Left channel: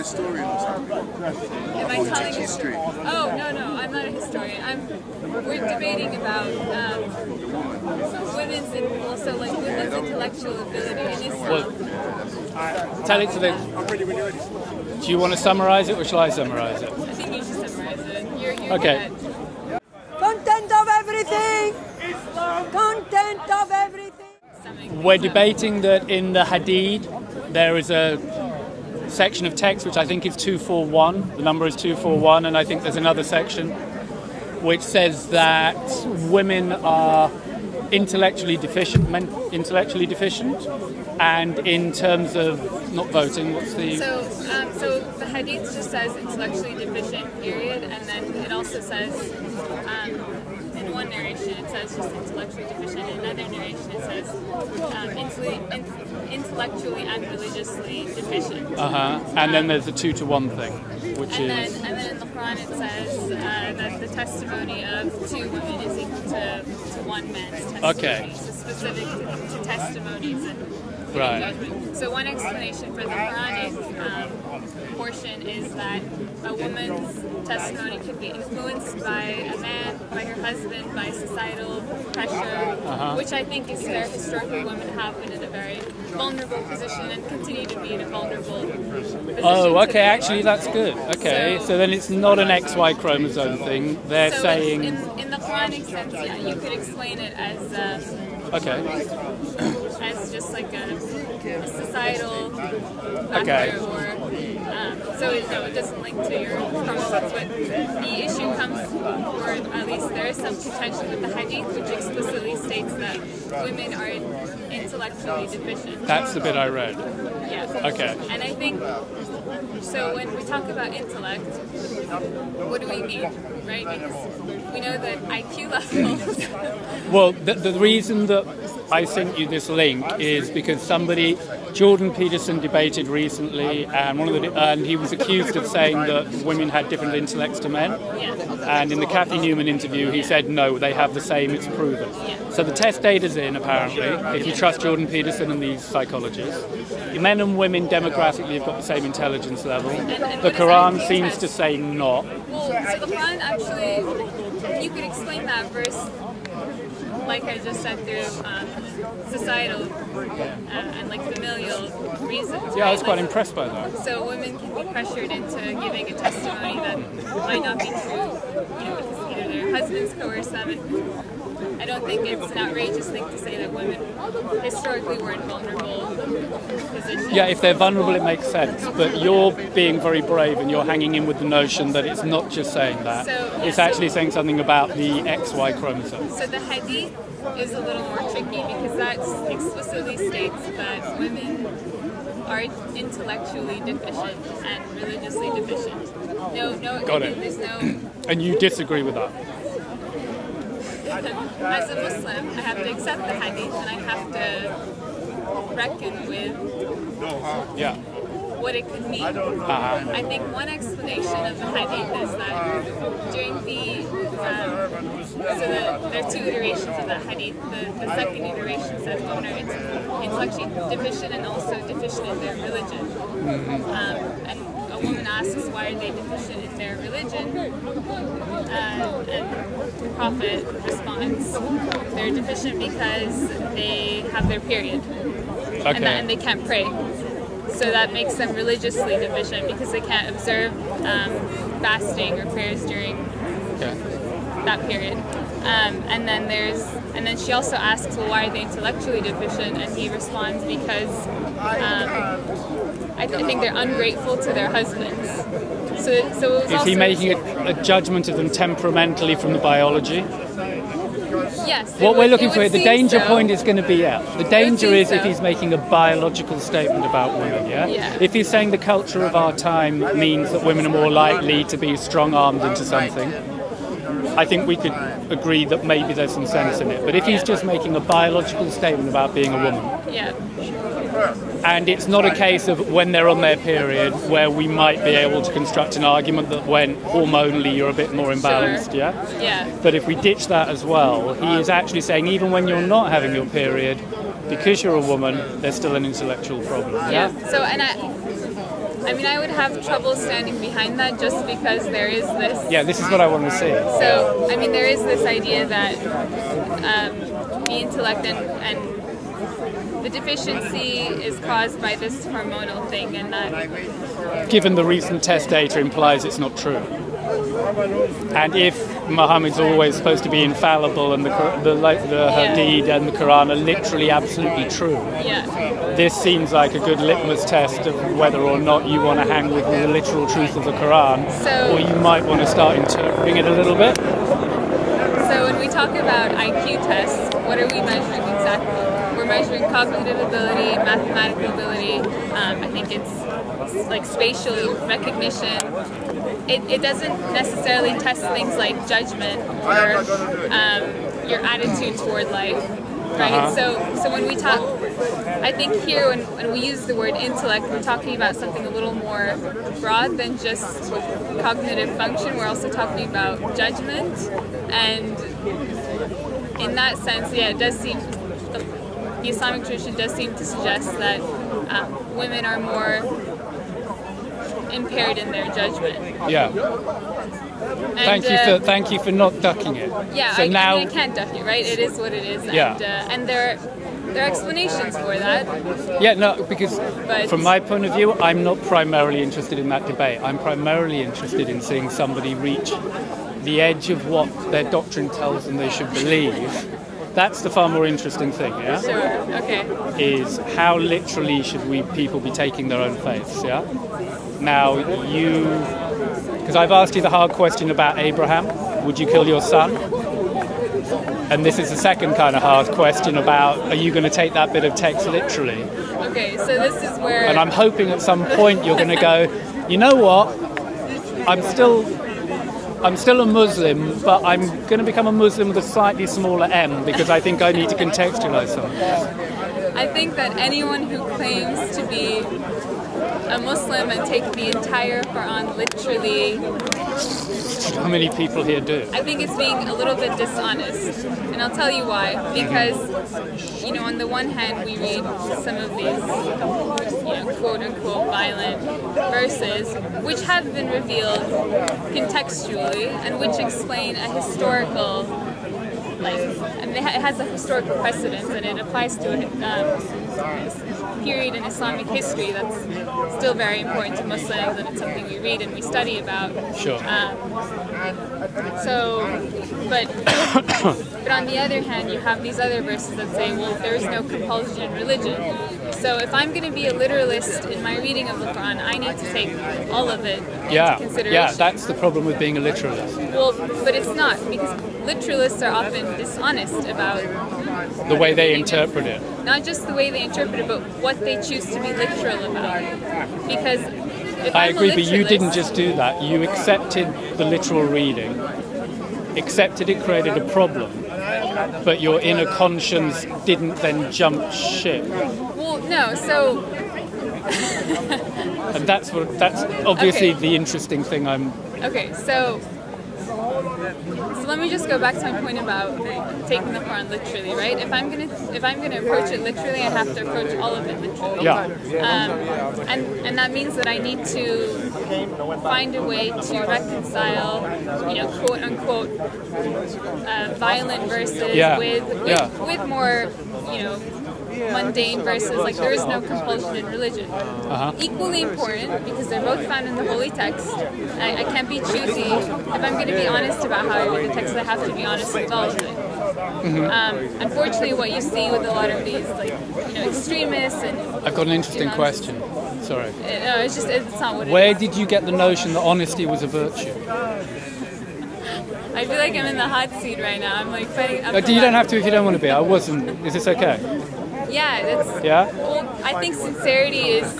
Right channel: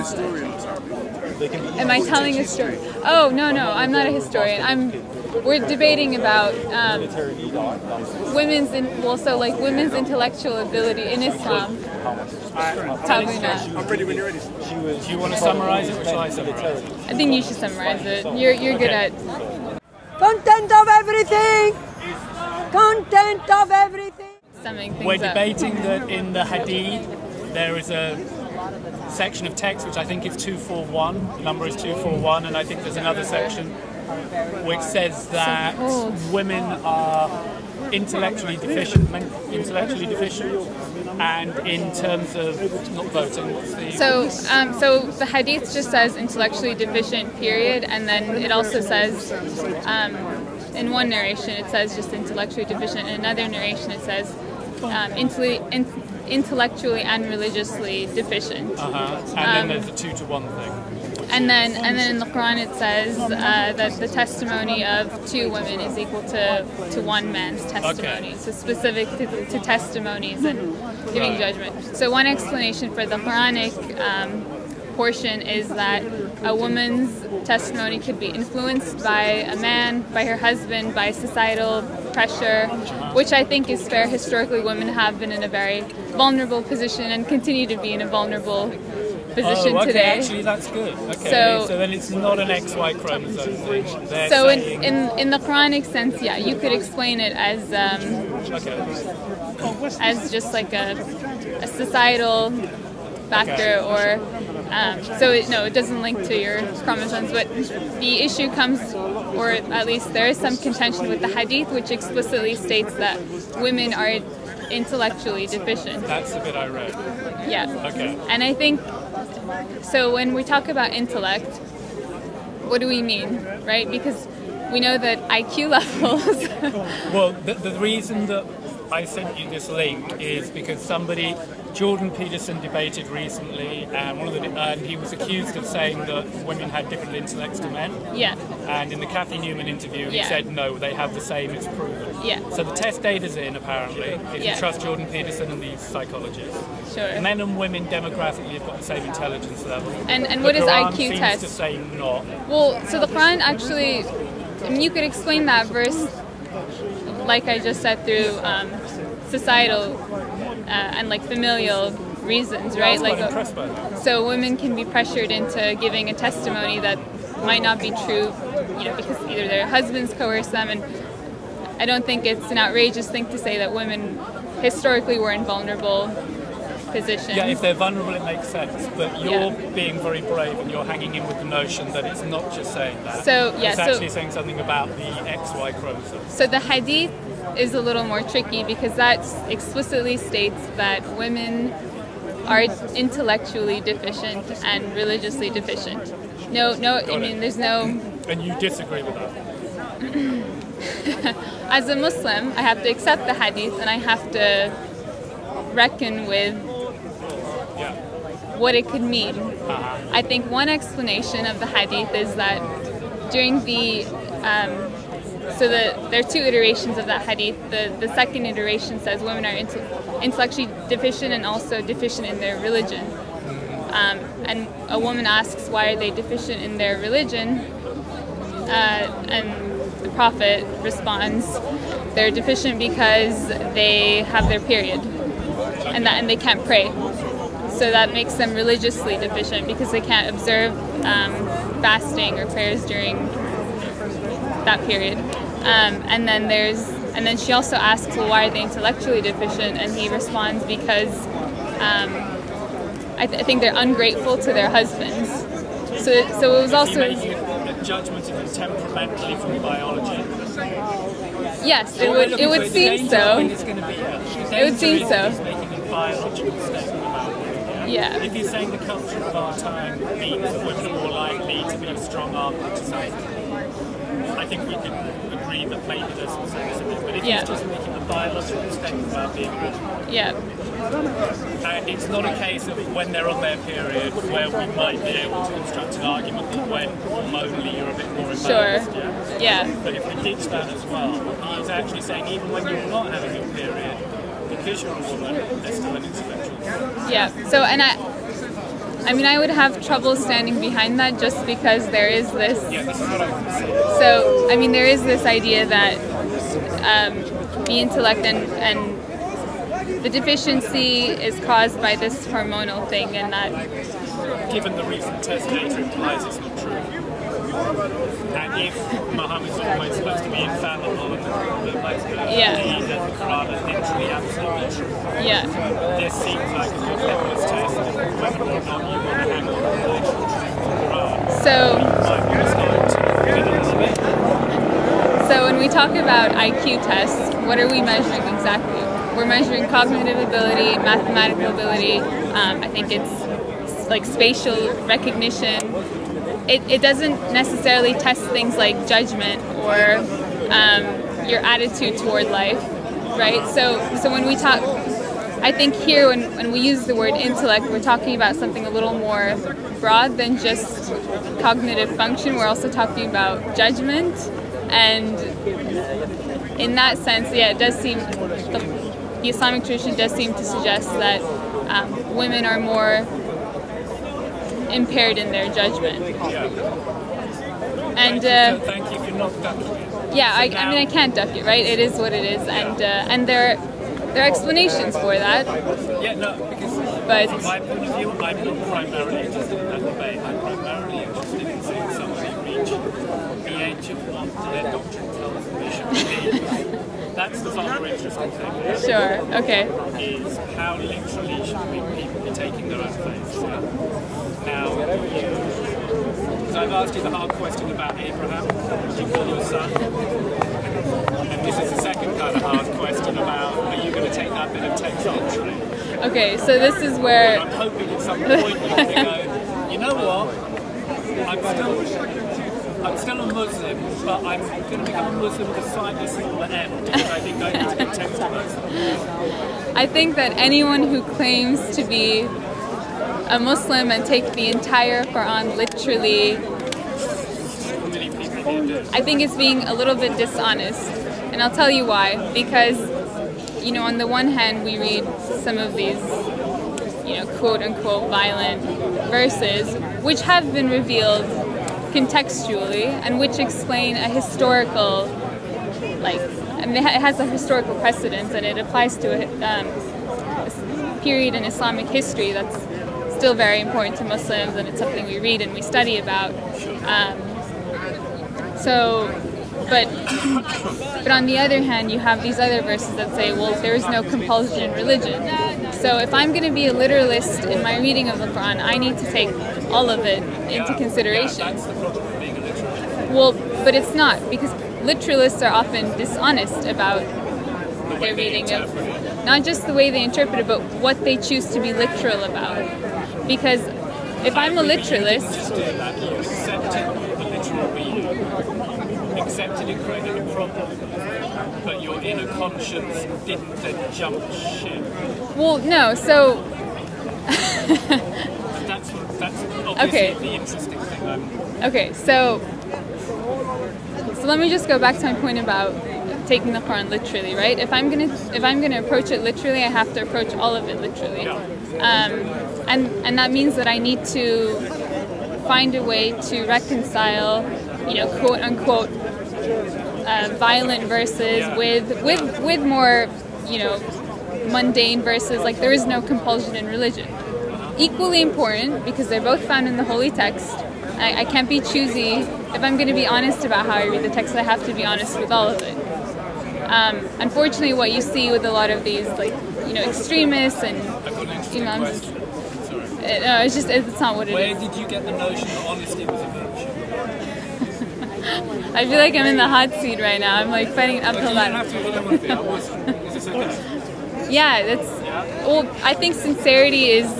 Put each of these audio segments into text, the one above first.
historian or something. Am I telling a story? Oh, no, I'm not a historian. We're debating about women's intellectual ability in Islam. Tell it to me. I'm ready when you're ready. Do you want to summarize it, or shall I summarize it? I think you should summarize it. You're good at... Content of everything! Content of everything! We're debating that in the Hadith there is a section of text which I think is 241. The number is 241, and I think there's another section which says that women are intellectually deficient, and in terms of not voting, what's the... So the Hadith just says intellectually deficient, period, and then it also says, in one narration it says just intellectually deficient, in another narration it says intellectually and religiously deficient. And then there's the 2-to-1 thing. And then in the Quran it says that the testimony of 2 women is equal to 1 man's testimony. So specific to testimonies and giving judgment. So one explanation for the Quranic portion is that a woman's testimony could be influenced by a man, by her husband, by societal pressure, which I think is fair. Historically, women have been in a very vulnerable position and continue to be in a vulnerable position today. Actually that's good. Okay, so then it's not an XY chromosome thing. They're saying... in the Quranic sense, yeah, you could explain it as as just like a societal factor, or it doesn't link to your chromosomes. But the issue comes, or at least there is some contention with the Hadith, which explicitly states that women are intellectually deficient. That's the bit I read. Yeah. Okay. And I think, so when we talk about intellect, what do we mean, right? Because we know that IQ levels... Well, the reason that I sent you this link is because Jordan Peterson debated recently, and he was accused of saying that women had different intellects to men. Yeah. And in the Kathy Newman interview, he said no, they have the same. It's proven. Yeah. So the test data's in, apparently. If you trust Jordan Peterson and these psychologists, men and women demographically have got the same intelligence level. And the what is Quran IQ seems test? to say not. Well, so the Quran actually, you could explain that verse, like I just said, through societal and like familial reasons, right? I was quite impressed by that. So women can be pressured into giving a testimony that might not be true, because either their husbands coerce them, and I don't think it's an outrageous thing to say that women historically were in vulnerable positions. Yeah, if they're vulnerable, it makes sense. But you're being very brave, and you're hanging in with the notion that it's not just saying that. It's actually saying something about the XY chromosome. So the Hadith is a little more tricky because that explicitly states that women are intellectually deficient and religiously deficient. There's no... And you disagree with that? As a Muslim, I have to accept the Hadith, and I have to reckon with what it could mean. I think one explanation of the Hadith is that during the... there are 2 iterations of that Hadith. The second iteration says women are intellectually deficient and also deficient in their religion. And a woman asks, why are they deficient in their religion? And the Prophet responds, they're deficient because they have their period, and they can't pray. So that makes them religiously deficient because they can't observe fasting or prayers during that period. And then she also asks, well, why are they intellectually deficient? And he responds, because I think they're ungrateful to their husbands. So it was also... Is he making a judgment of them temperamentally from the biology? Yes. What we're looking for, the danger point is going to be, the danger is if he's making a biological statement about women, Yeah. If he's saying the culture of our time means that women are more likely to be strong-armed into something, I think we could agree that maybe there's some sense in it. But if he's just making a biological statement about being a woman, and it's not a case of when they're on their period where we might be able to construct an argument that when hormonally you're a bit more imbalanced, But if we ditch that as well, he is actually saying even when you're not having your period, because you're a woman, there's still an intellectual problem. So, and I mean, I would have trouble standing behind that just because there is this... Yeah, this is what I want to see. So, I mean, there is this idea that the intellect and the deficiency is caused by this hormonal thing, and that... Given the recent test data implies it's not true. And if Muhammad's always supposed to be infallible and the Hadith and the Quran are literally absolutely true, this seems like a good litmus test of whether or not you want to hang with the literal truth of the Quran, or you might want to start interpreting it a little bit. So when we talk about IQ tests, what are we measuring exactly? We're measuring cognitive ability, mathematical ability, I think it's like spatial recognition. It doesn't necessarily test things like judgment or your attitude toward life, right? So when we talk, I think here when we use the word intellect, we're talking about something a little more broad than just cognitive function. We're also talking about judgment, and in that sense, yeah, it does seem, the Islamic tradition does seem to suggest that women are more impaired in their judgment. Yeah. And thank you for not ducking it. Yeah, so I mean, I can't duck it, right? It is what it is, and there are explanations for that. Yeah, no, because from my point of view, I'm not primarily interested in that debate. I'm primarily interested in seeing somebody reach the edge of what their doctrine tells them they should believe. That's the far more interesting thing, yeah? Sure, okay. Is how literally should people be taking their own faiths, yeah? Now, because I've asked you the hard question about Abraham, would you kill your son? And this is the second kind of hard question about, are you going to take that bit of text literally? Okay, so this is where... And I'm hoping at some point you're going to go, you know what, I'm still a Muslim, but I'm going to become a Muslim with a slightly smaller M because I think I need to contextualize something. I think that anyone who claims to be a Muslim and take the entire Quran literally... How many people here do? I think it's being a little bit dishonest. And I'll tell you why. Because, you know, on the one hand, we read some of these, you know, quote-unquote violent verses, which have been revealed contextually and which explain a historical, like, I mean, it has a historical precedence and it applies to a period in Islamic history that's still very important to Muslims, and it's something we read and we study about. Sure. But on the other hand, you have these other verses that say, well, there is no compulsion in religion. So if I'm going to be a literalist in my reading of the Quran, I need to take all of it into consideration. Yeah, that's the problem with being a literalist. Well, but it's not, because literalists are often dishonest about the way they interpret it. Not just the way they interpret it, but what they choose to be literal about. Because if I'm a literalist... But you didn't just do that. You accepted the literal reading, accepted it created a problem, but your inner conscience didn't then jump ship. Well, no, so... And that's obviously the interesting thing Okay, so let me just go back to my point about taking the Quran literally, right? If I'm gonna approach it literally, I have to approach all of it literally. Yeah. And that means that I need to find a way to reconcile, you know, quote unquote violent verses with more, you know, mundane verses. Like, there is no compulsion in religion. Equally important, because they're both found in the holy text. I can't be choosy. If I'm going to be honest about how I read the text, I have to be honest with all of it. Unfortunately, what you see with a lot of these, like, you know, extremists and... I've got an interesting question. Sorry. No, it's not what it is. Where did you get the notion that honesty was a virtue? I feel like I'm in the hot seat right now. I'm like fighting up. But you don't have to if you don't want to be. I wasn't. Is this okay? Yeah, that's... Yeah? Well, I think sincerity is...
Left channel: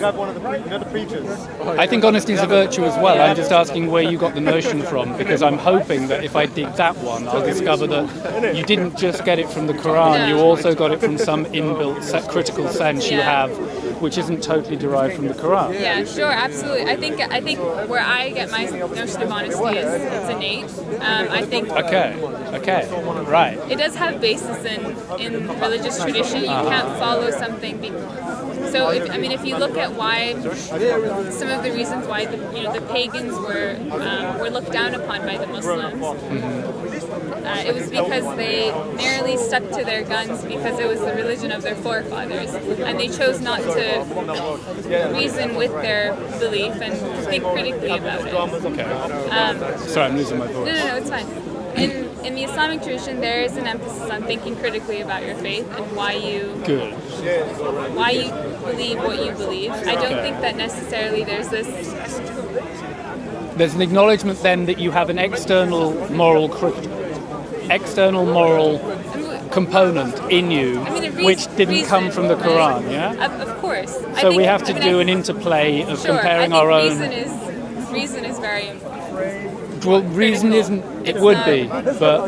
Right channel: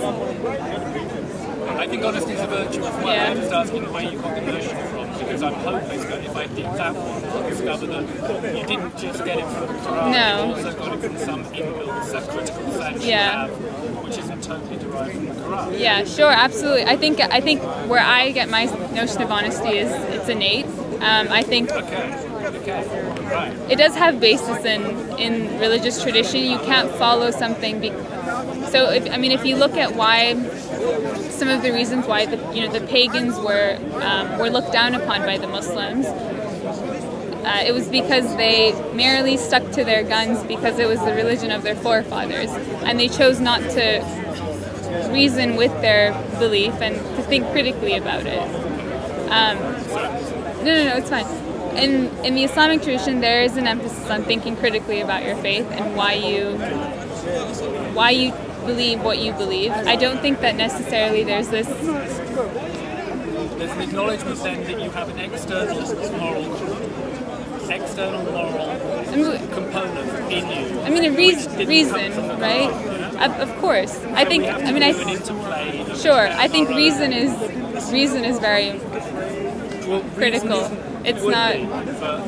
I think honesty is a virtue as well. I'm just asking where you got the notion from, because I'm hoping that if I dig that one, I'll discover that you didn't just get it from the Quran, you also got it from some inbuilt critical sense you have, which isn't totally derived from the Quran. Yeah, sure, absolutely. I think where I get my notion of honesty is it's innate. I think... Okay, right. It does have basis in religious tradition. You can't follow something So if you look at why some of the reasons why the pagans were looked down upon by the Muslims, it was because they merely stuck to their guns because it was the religion of their forefathers, and they chose not to reason with their belief and to think critically about it. Okay. Sorry, I'm losing my voice. No, it's fine. In the Islamic tradition, there is an emphasis on thinking critically about your faith and why you believe what you believe. I don't think that necessarily there's an acknowledgement then that you have an external moral component in you, which didn't come from the Quran, right? Yeah? Of course. So we have to do an interplay of comparing our own... reason is very well, reason critical. But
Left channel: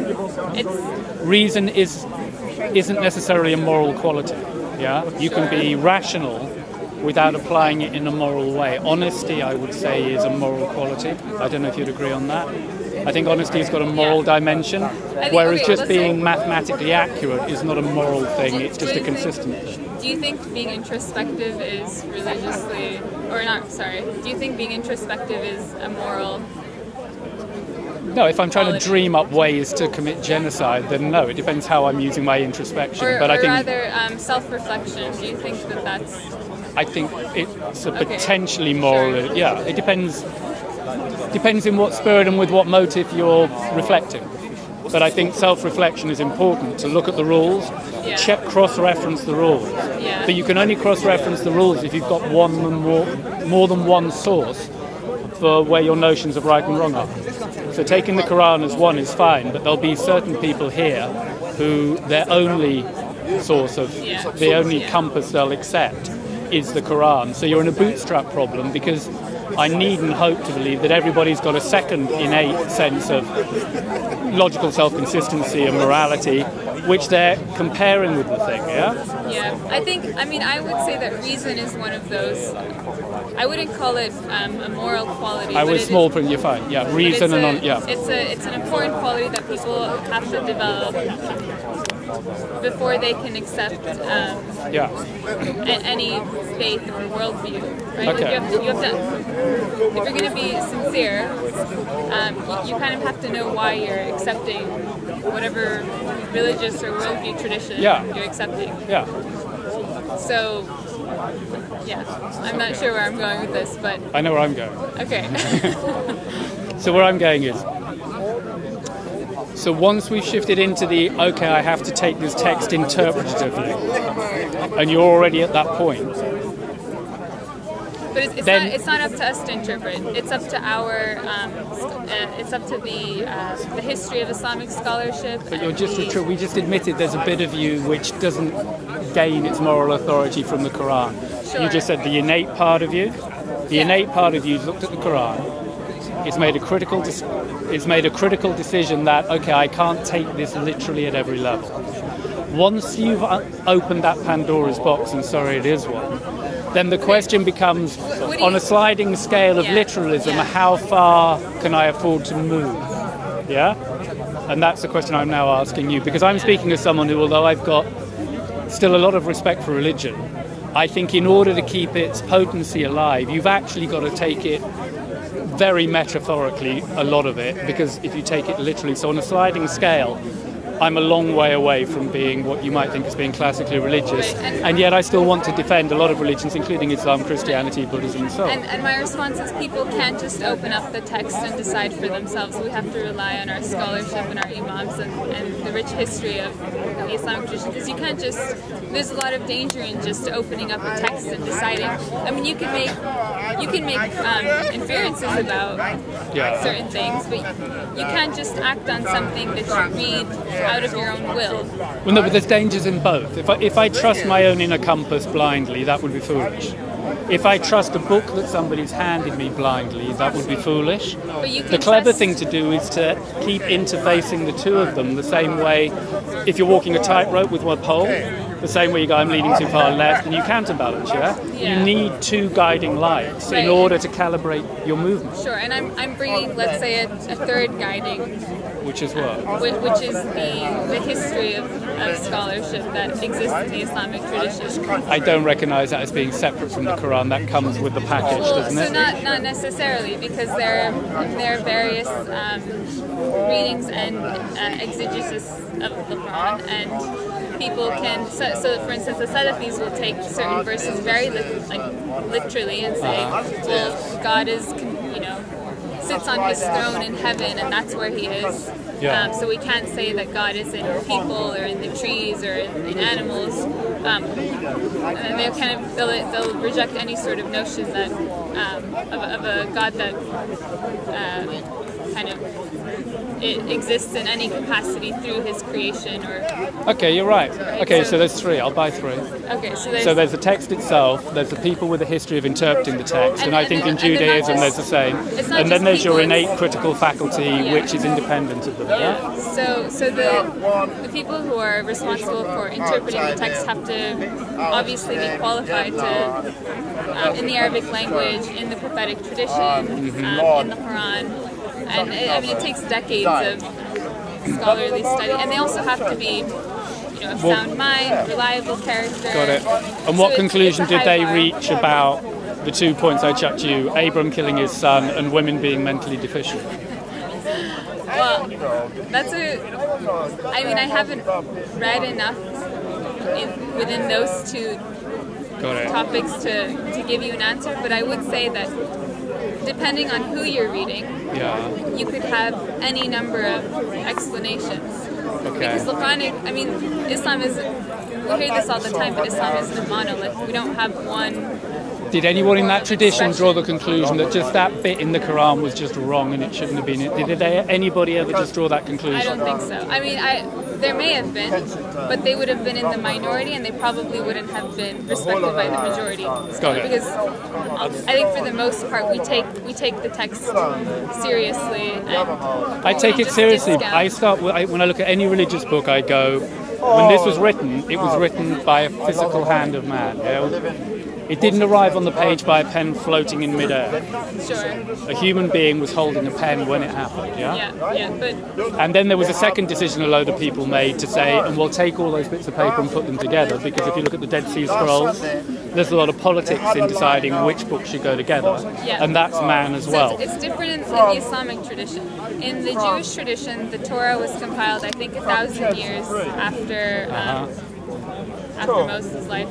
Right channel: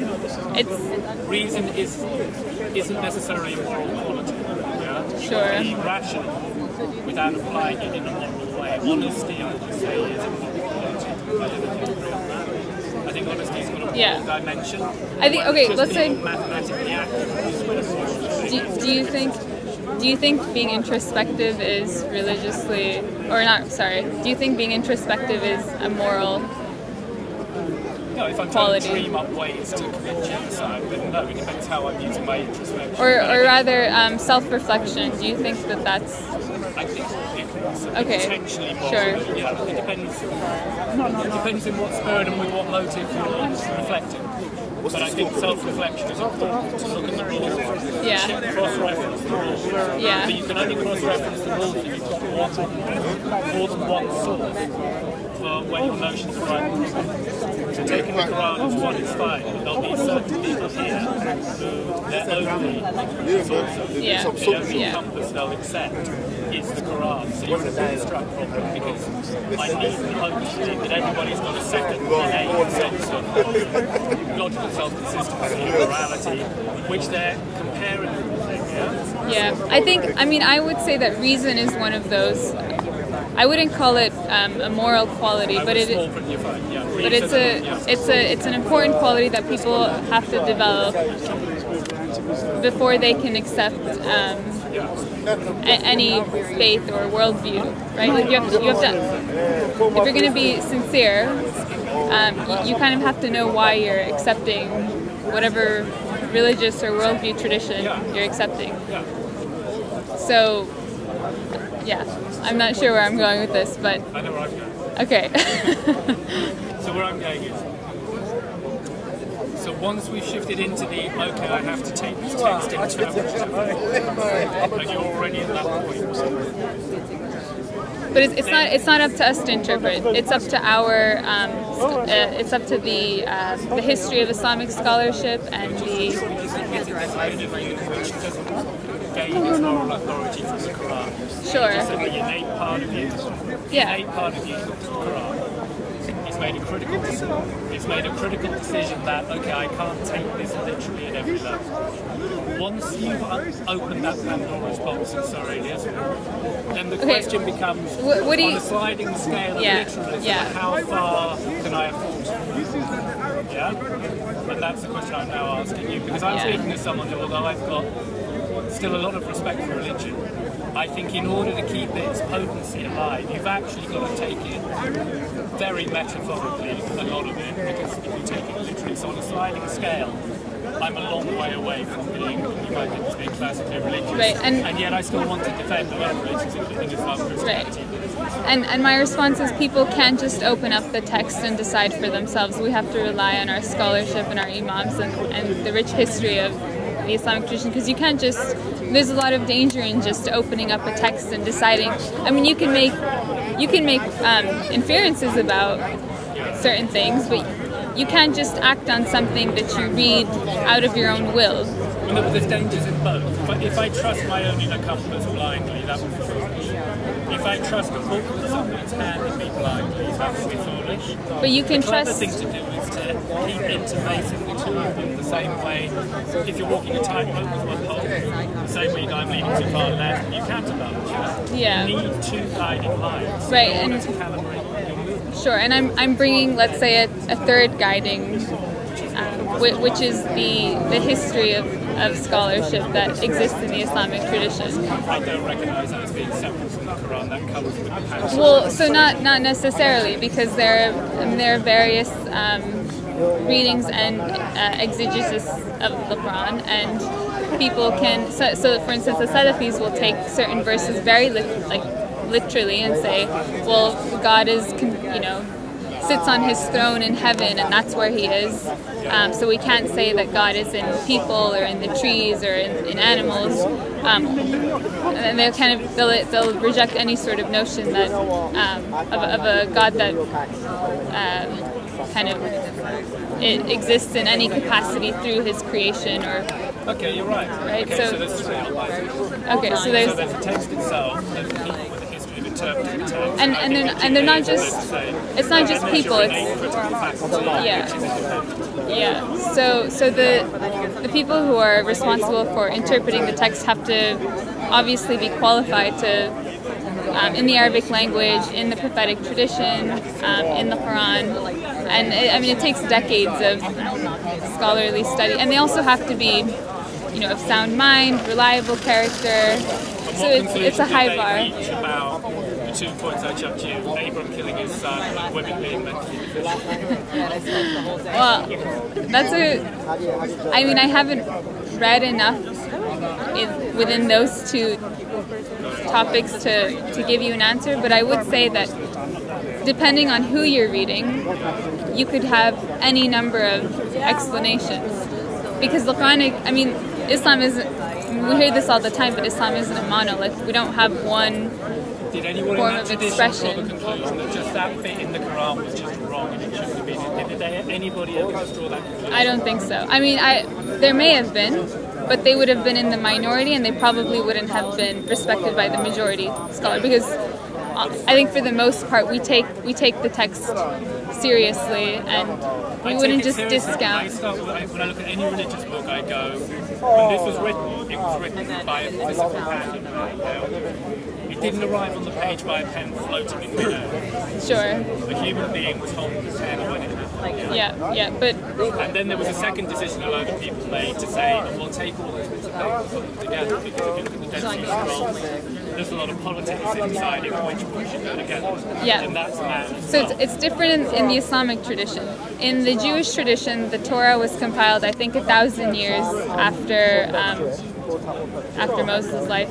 reason isn't necessarily a moral quality. Yeah, you can be rational without applying it in a moral way. Honesty, I would say, is a moral quality. I don't know if you'd agree on that. I think honesty has got a moral dimension, whereas just being mathematically accurate is not a moral thing, it's just a consistency. Do you think being introspective is religiously, do you think being introspective is a moral No, if I'm trying to dream up ways to commit genocide, then no, it depends how I'm using my introspection. Or rather, self-reflection, do you think that that's... I think it's a potentially moral... Sure. Yeah, it depends in what spirit and with what motive you're reflecting. But I think self-reflection is important, to look at the rules, cross-reference the rules. Yeah. But you can only cross-reference the rules if you've got more than one source for where your notions of right and wrong are. So taking the Quran as one is fine, but there'll be certain people here who their only source of, the only compass they'll accept is the Quran. So you're in a bootstrap problem, because I need and hope to believe that everybody's got a second innate sense of logical self-consistency and morality, which they're comparing with the thing, yeah? Yeah, I would say that reason is one of those. I wouldn't call it a moral quality, but it's small print. You're fine. Yeah, reason. It's an important quality that people have to develop before they can accept any faith or worldview, right? Okay. Like you have to. If you're going to be sincere, you kind of have to know why you're accepting whatever religious or worldview tradition you're accepting. Yeah. So, I'm not sure where I'm going with this, but... I know where I'm going. Okay. So where I'm going is... So once we've shifted into I have to take this text interpretatively, and you're already at that point. But it's not up to us to interpret. It's up to the history of Islamic scholarship. And we just admitted there's a bit of you which doesn't gain its moral authority from the Quran. Sure. You just said the innate part of you. The innate part of you looked at the Quran. It's made a critical decision that I can't take this literally at every level. Once you've opened that Pandora's box, and sorry, it is one, then the question becomes, on a sliding scale of literalism, how far can I afford to move? Yeah? And that's the question I'm now asking you, because I'm speaking as someone who, although I've got still a lot of respect for religion, I think in order to keep its potency alive, you've actually got to take it very metaphorically, a lot of it, because if you take it literally, so on a sliding scale, I'm a long way away from being what you might think as being classically religious, right, and yet I still want to defend a lot of religions, including Islam, Christianity, Buddhism, and so on. And my response is people can't just open up the text and decide for themselves. We have to rely on our scholarship and our imams and the rich history of the Islamic tradition, because you can't just... There's a lot of danger in just opening up a text and deciding. I mean, you can make inferences about certain things, but you can't just act on something that you read out of your own will. Well, no, but there's dangers in both. If I trust my own inner compass blindly, that would be foolish. If I trust a book that somebody's handed me blindly, that would be foolish. But you can The clever thing to do is to keep interfacing the two of them the same way. If you're walking a tightrope with one pole, the same way you go, I'm leaning too far left, and you counterbalance, You need two guiding lights in order to calibrate your movement. Sure, and I'm bringing, let's say, a third guiding Which is what? Which is the history of scholarship that exists in the Islamic tradition. I don't recognise that as being separate from the Quran. That comes with the package. Well, so not necessarily, because there are various readings and exegesis of the Quran, and people can. So for instance, the Salafis will take certain verses very literally and say, well, God is, sits on his throne in heaven, and that's where he is. Yeah. So we can't say that God is in people or in the trees or in animals. And they'll reject any sort of notion that of a God that it exists in any capacity through his creation or. Okay, you're right. Okay, so there's three. I'll buy three. Okay, so there's the text itself. There's the people with a history of interpreting the text, and I think in Judaism there's the same. It's not and just then there's people, your innate critical faculty, which is independent of it. Yeah. So the people who are responsible for interpreting the text have to obviously be qualified to. In the Arabic language, in the prophetic tradition, in the Quran, and it takes decades of scholarly study, and they also have to be, of sound mind, reliable character. And what conclusion did they reach about the 2 points I chucked to you, Abram killing his son and women being mentally deficient? Well, I haven't read enough within those two topics to give you an answer, but I would say that depending on who you're reading, you could have any number of explanations. Because the Quranic, Islam isn't, we hear this all the time, but Islam isn't a monolith. We don't have one. Did anyone in that tradition draw the conclusion that just that bit in the Quran was just wrong and it shouldn't have been? Did anybody ever just draw that conclusion? I don't think so. There may have been, but they would have been in the minority, and they probably wouldn't have been respected by the majority scholar. Because I think for the most part, we take the text seriously, and I take it seriously. When I look at any religious book, I go, when this was written, it was written by a physical hand of man. It didn't arrive on the page by a pen floating in midair. Sure. A human being was holding a pen when it happened, but... And then there was a second decision a load of people made to say, and we'll take all those bits of paper and put them together, because if you look at the Dead Sea Scrolls, there's a lot of politics in deciding which books should go together. Yeah. And that's man as well. So it's different in the Islamic tradition. In the Jewish tradition, the Torah was compiled, I think, 1,000 years after Moses' life.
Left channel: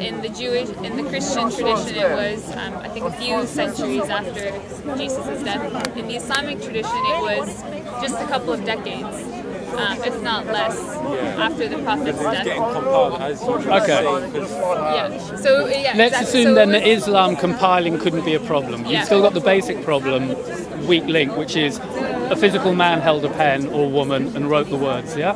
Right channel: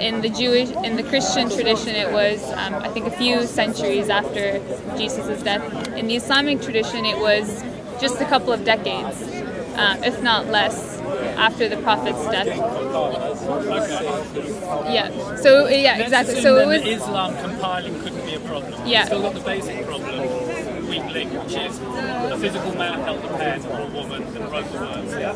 In the Christian tradition, it was I think a few centuries after Jesus' death. In the Islamic tradition, it was just a couple of decades, if not less, after the Prophet's death. Okay. Yeah. So Let's exactly. assume then that Islam compiling couldn't be a problem. Yeah. You've still got the basic problem, weak link, which is a physical man held a pen or woman and wrote the words, yeah?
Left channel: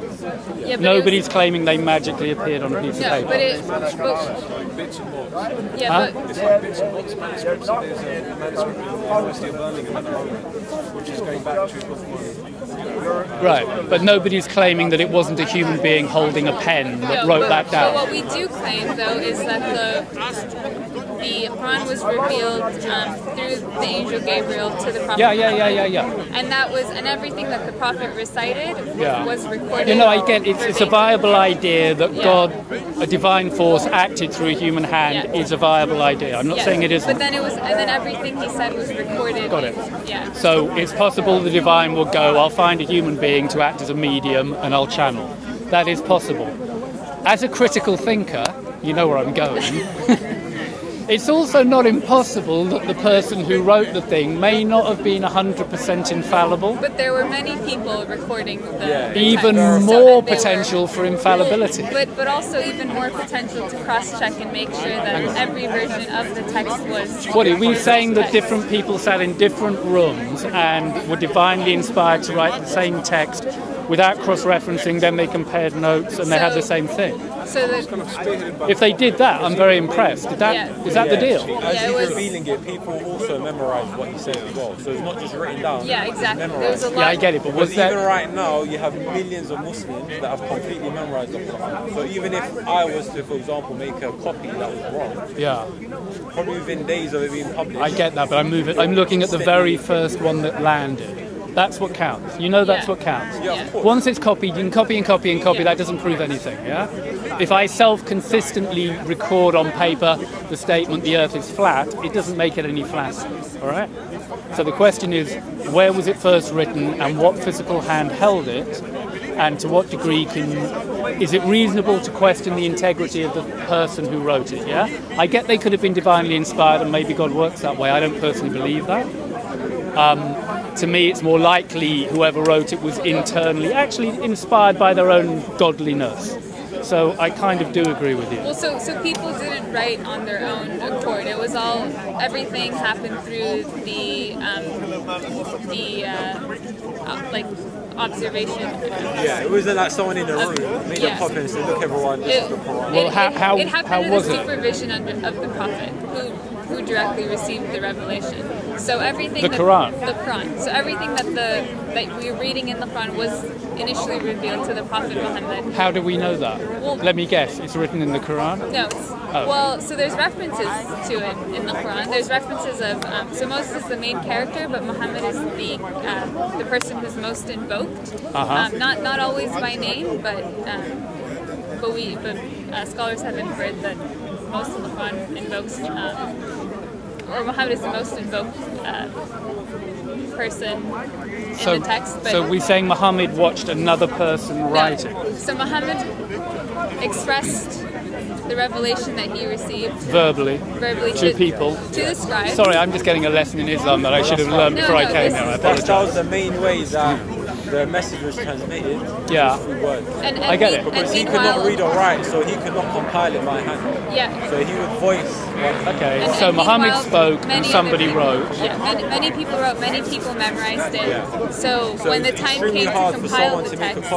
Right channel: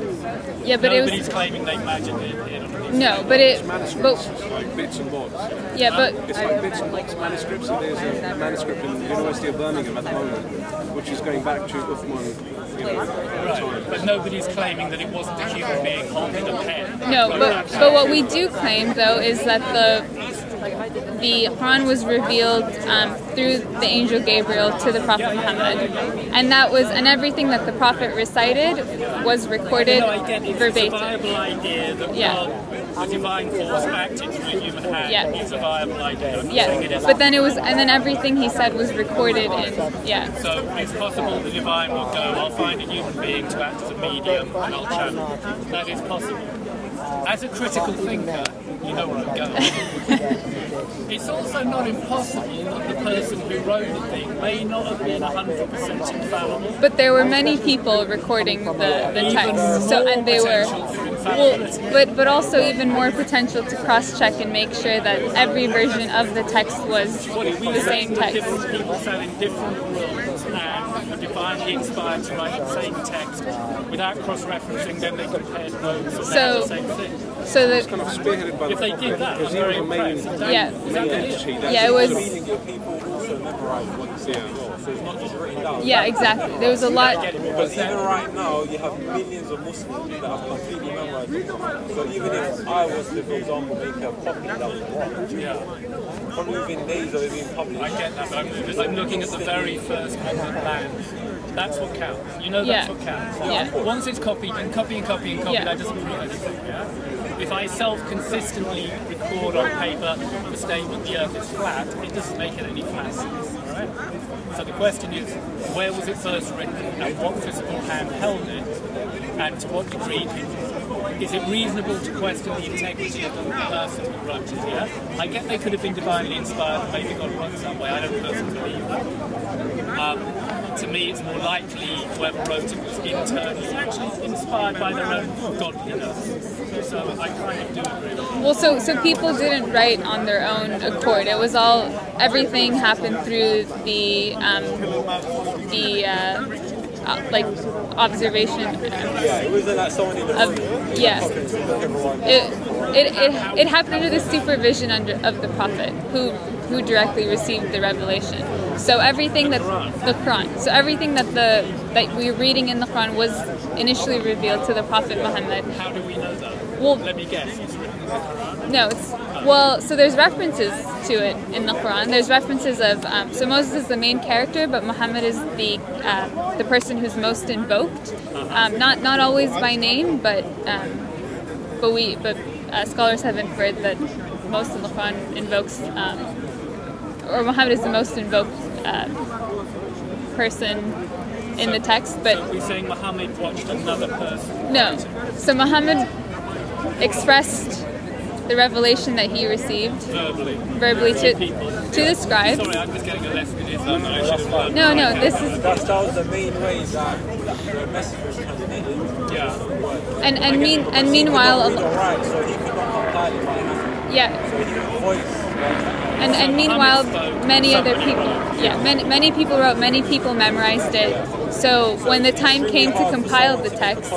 Yeah, but nobody's claiming they magically appeared on a piece of paper. No, but it... like bits and bobs. Yeah, but... It's like bits and bobs manuscripts, and there's a manuscript in the University of Birmingham at the moment, which is going back to Uthman. Right, but nobody's claiming that it wasn't a human being holding a pen that wrote that down. But what we do claim, though, is that the Quran was revealed through the angel Gabriel to the Prophet Muhammad. And that was, and everything that the Prophet recited was recorded. I get it. It's a viable idea that God, a divine force, acted through a human hand is a viable idea. I'm not saying it isn't. But then and then everything he said was recorded. So it's possible the divine will go, I'll find a human being to act as a medium and I'll channel. That is possible. As a critical thinker, you know where I'm going. It's also not impossible that the person who wrote the thing may not have been 100% infallible. But there were many people recording the even text. More potential for infallibility. But also even more potential to cross-check and make sure that every version of the text was. What are we saying? That different people sat in different rooms and were divinely inspired to write the same text without cross-referencing, then they compared notes and they had the same thing. So if they did that, I'm very impressed. Is that the deal? Yeah, it was. People also memorize what you say as well, so it's not just written down. Yeah, exactly. There was a lot. I get it, but what's that? Even right now, you have millions of Muslims that have completely memorized the Quran. So even if I was to, for example, make a copy that was wrong, probably within days of it being published. I get that, but I'm looking at the very first one that landed. That's what counts. You know that's what counts. Yeah. Once it's copied, you can copy and copy and copy. Yeah. That doesn't prove anything, yeah? If I self-consistently record on paper the statement the Earth is flat, it doesn't make it any flatter, all right? So the question is, where was it first written and what physical hand held it? And to what degree is it reasonable to question the integrity of the person who wrote it, yeah? I get they could have been divinely inspired and maybe God works that way. I don't personally believe that. To me, it's more likely whoever wrote it was internally actually inspired by their own godliness. So I kind of do agree with you. Well, so people didn't write on their own accord. It was all, everything happened through the like observation. Yeah, it wasn't like someone in the room. It happened under the supervision of the prophet who directly received the revelation. So everything the Quran. So everything that we're reading in the Quran was initially revealed to the Prophet Muhammad. How do we know that? Well, let me guess. It's written in the Quran? No, it's well. So there's references to it in the Quran. There's references of so Moses is the main character, but Muhammad is the person who's most invoked. Not always by name, but scholars have inferred that most of the Quran invokes. Or Muhammad is the most invoked person in the text. But so we're saying Muhammad watched another person write it? So Muhammad expressed the revelation that he received verbally to people, to the scribes. Sorry, I'm just getting a lesson in Islam that I should have learned before I came here. That was the main way that the message was transmitted. Yeah. And meanwhile, he could not read or write, so he could not compile it by hand. Yeah. So he would voice. Okay. And so meanwhile, spoke, many other people wrote. Yeah, many people wrote. Many people memorized it. Yeah. So when the time came to compile the text,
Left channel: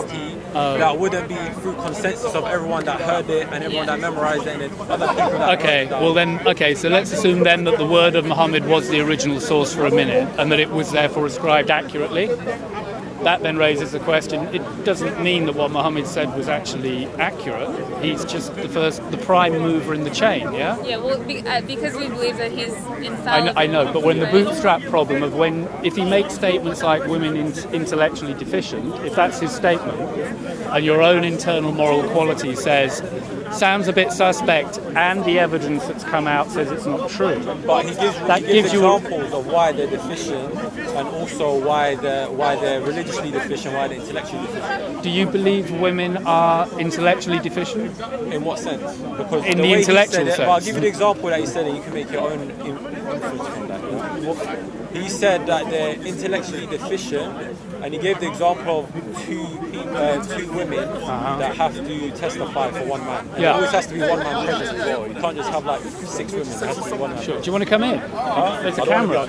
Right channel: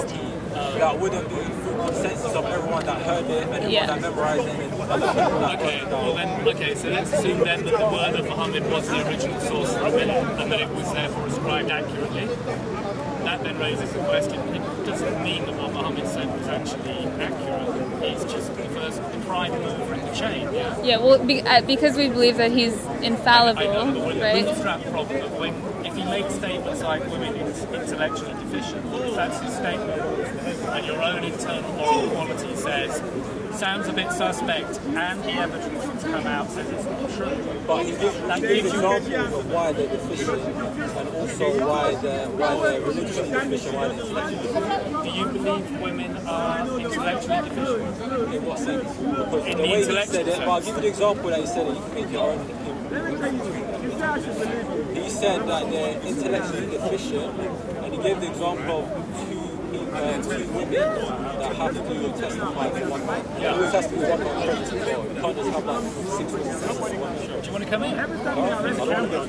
that wouldn't be through consensus of everyone that heard it and everyone that memorized it. And other people that so let's assume then that the word of Muhammad was the original source for a minute and that it was therefore ascribed accurately. That then raises the question, it doesn't mean that what Muhammad said was actually accurate. He's just the prime mover in the chain, yeah? Yeah, well, because we believe that he's infallible. I know, but when the bootstrap problem of if he makes statements like women intellectually deficient, if that's his statement, and your own internal moral quality sounds a bit suspect, and the evidence that's come out says it's not true. But he gives you examples of why they're deficient, and also why they're religiously deficient, why they're intellectually deficient. Do you believe women are intellectually deficient? In what sense? Because in the intellectual sense. I'll give you the example that he said, and you can make your own inference from that. He said that they're intellectually deficient, and he gave the example of two women that have to testify for one man. Yeah. It always has to be one man present as well. You can't just have like 6 women testify for one man. Sure. Do you want to come in? There's a camera.